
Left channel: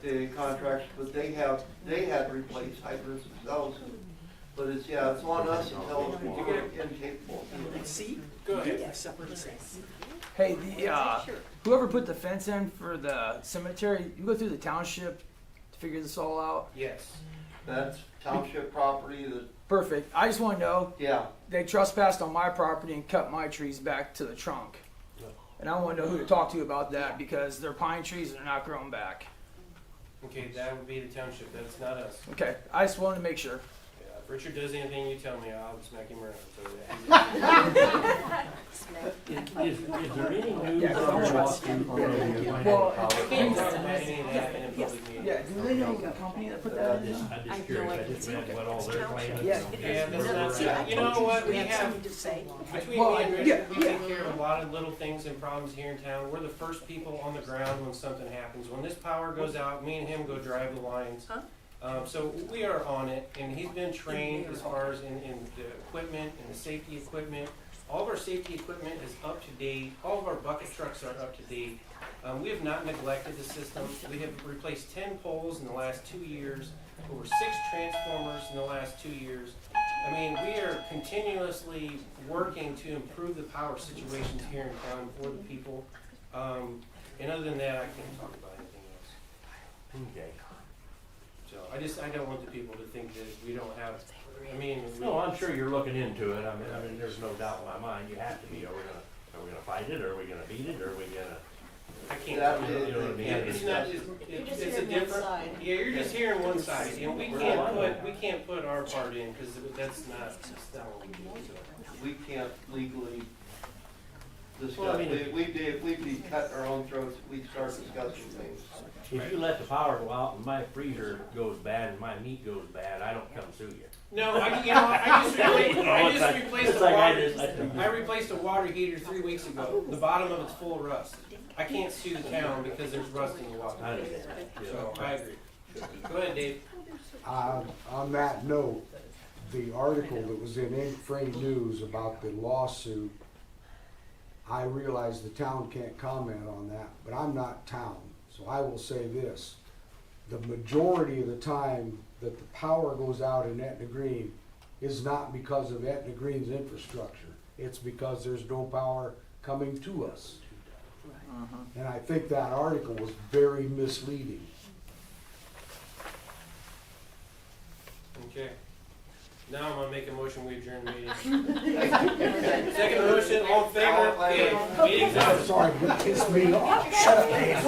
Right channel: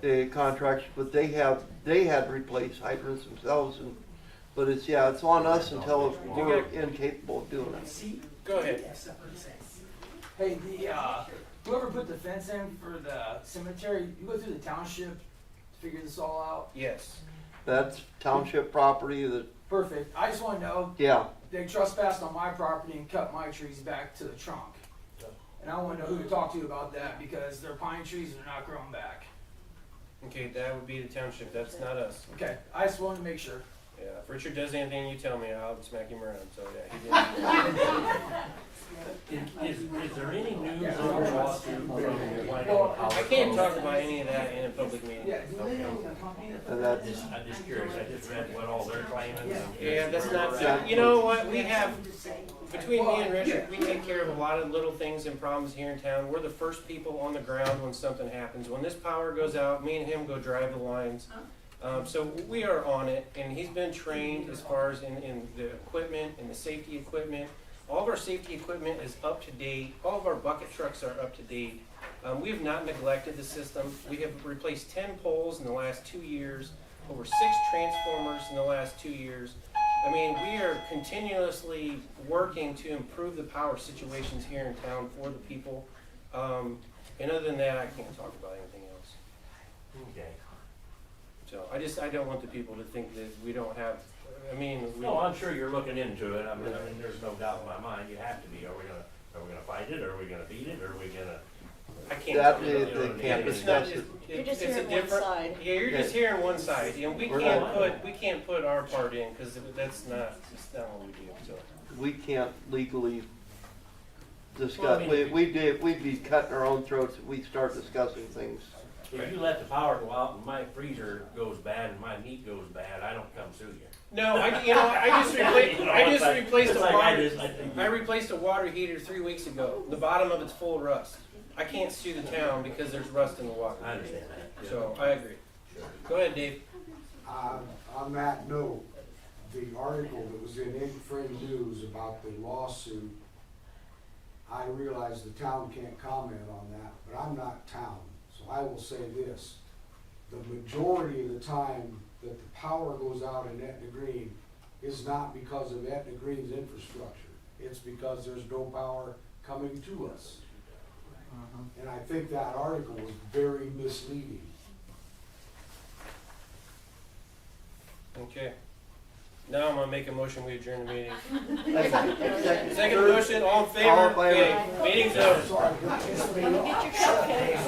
the contractors, but they had replaced hydrants themselves, but it's on us until we're incapable of doing it. See? Go ahead. Hey, whoever put the fence in for the cemetery, you go through the township to figure this all out? Yes. That's township property Perfect. I just wanna know, yeah. they trespassed on my property and cut my trees back to the trunk. And I wanna know who to talk to about that, because they're pine trees and they're not growing back. Okay, that would be the township, that's not us. Okay, I just wanted to make sure. Yeah, if Richard does anything, you tell me, I'll smack him around, so yeah. Is there any news on your walkthrough? Well, I can't talk about any of that in a public meeting. Yeah, do they know the company that put that I'm in? just curious, I just read what all they're claiming. Yeah, that's not, you know what, we have, between me and Richard, we take care of a lot of little things and problems here in town. We're the first people on the ground when something happens. When this power goes out, me and him go drive the lines. So we are on it, and he's been trained as far as in the equipment and the safety equipment. All of our safety equipment is up to date. All of our bucket trucks are up to date. We have not neglected the system. We have replaced 10 poles in the last 2 years, over 6 transformers in the last 2 years. I mean, we are continuously working to improve the power situations here in town for the people. And other than that, I can't talk about anything else. Okay. So I don't want the people to think that we don't have, I mean, No, I'm sure you're looking into it. I mean, there's no doubt in my mind, you have to be. Are we gonna fight it, or are we gonna beat it, or are we gonna? I can't. That tell you. they can't It's not, discuss it. You're just it's a hearing one different, side. yeah, you're just hearing one side, and we We're can't put our part in, cause that's not what we do, so. We can't legally discuss, we'd be cutting our own throats if we start discussing things. If you let the power go out and my freezer goes bad and my meat goes bad, I don't come sue you. No, I just replaced It's a like water, I I replaced a water heater 3 weeks ago. The bottom of it's full of rust. I can't sue the town because there's rust in the water. I understand that. So, I agree. Go ahead, Dave. On that note, the article that was in Ink Frame News about the lawsuit, I realize the town can't comment on that, but I'm not town, so I will say this. The majority of the time that the power goes out in Etna Green is not because of Etna Green's infrastructure. It's because there's no power coming to us. And I think that article was very misleading. Okay. Now I'm gonna make a motion, we adjourn the meeting. Second motion, all in favor? All in favor. Okay, meeting's over. Sorry, it's me. Shut up, Dave.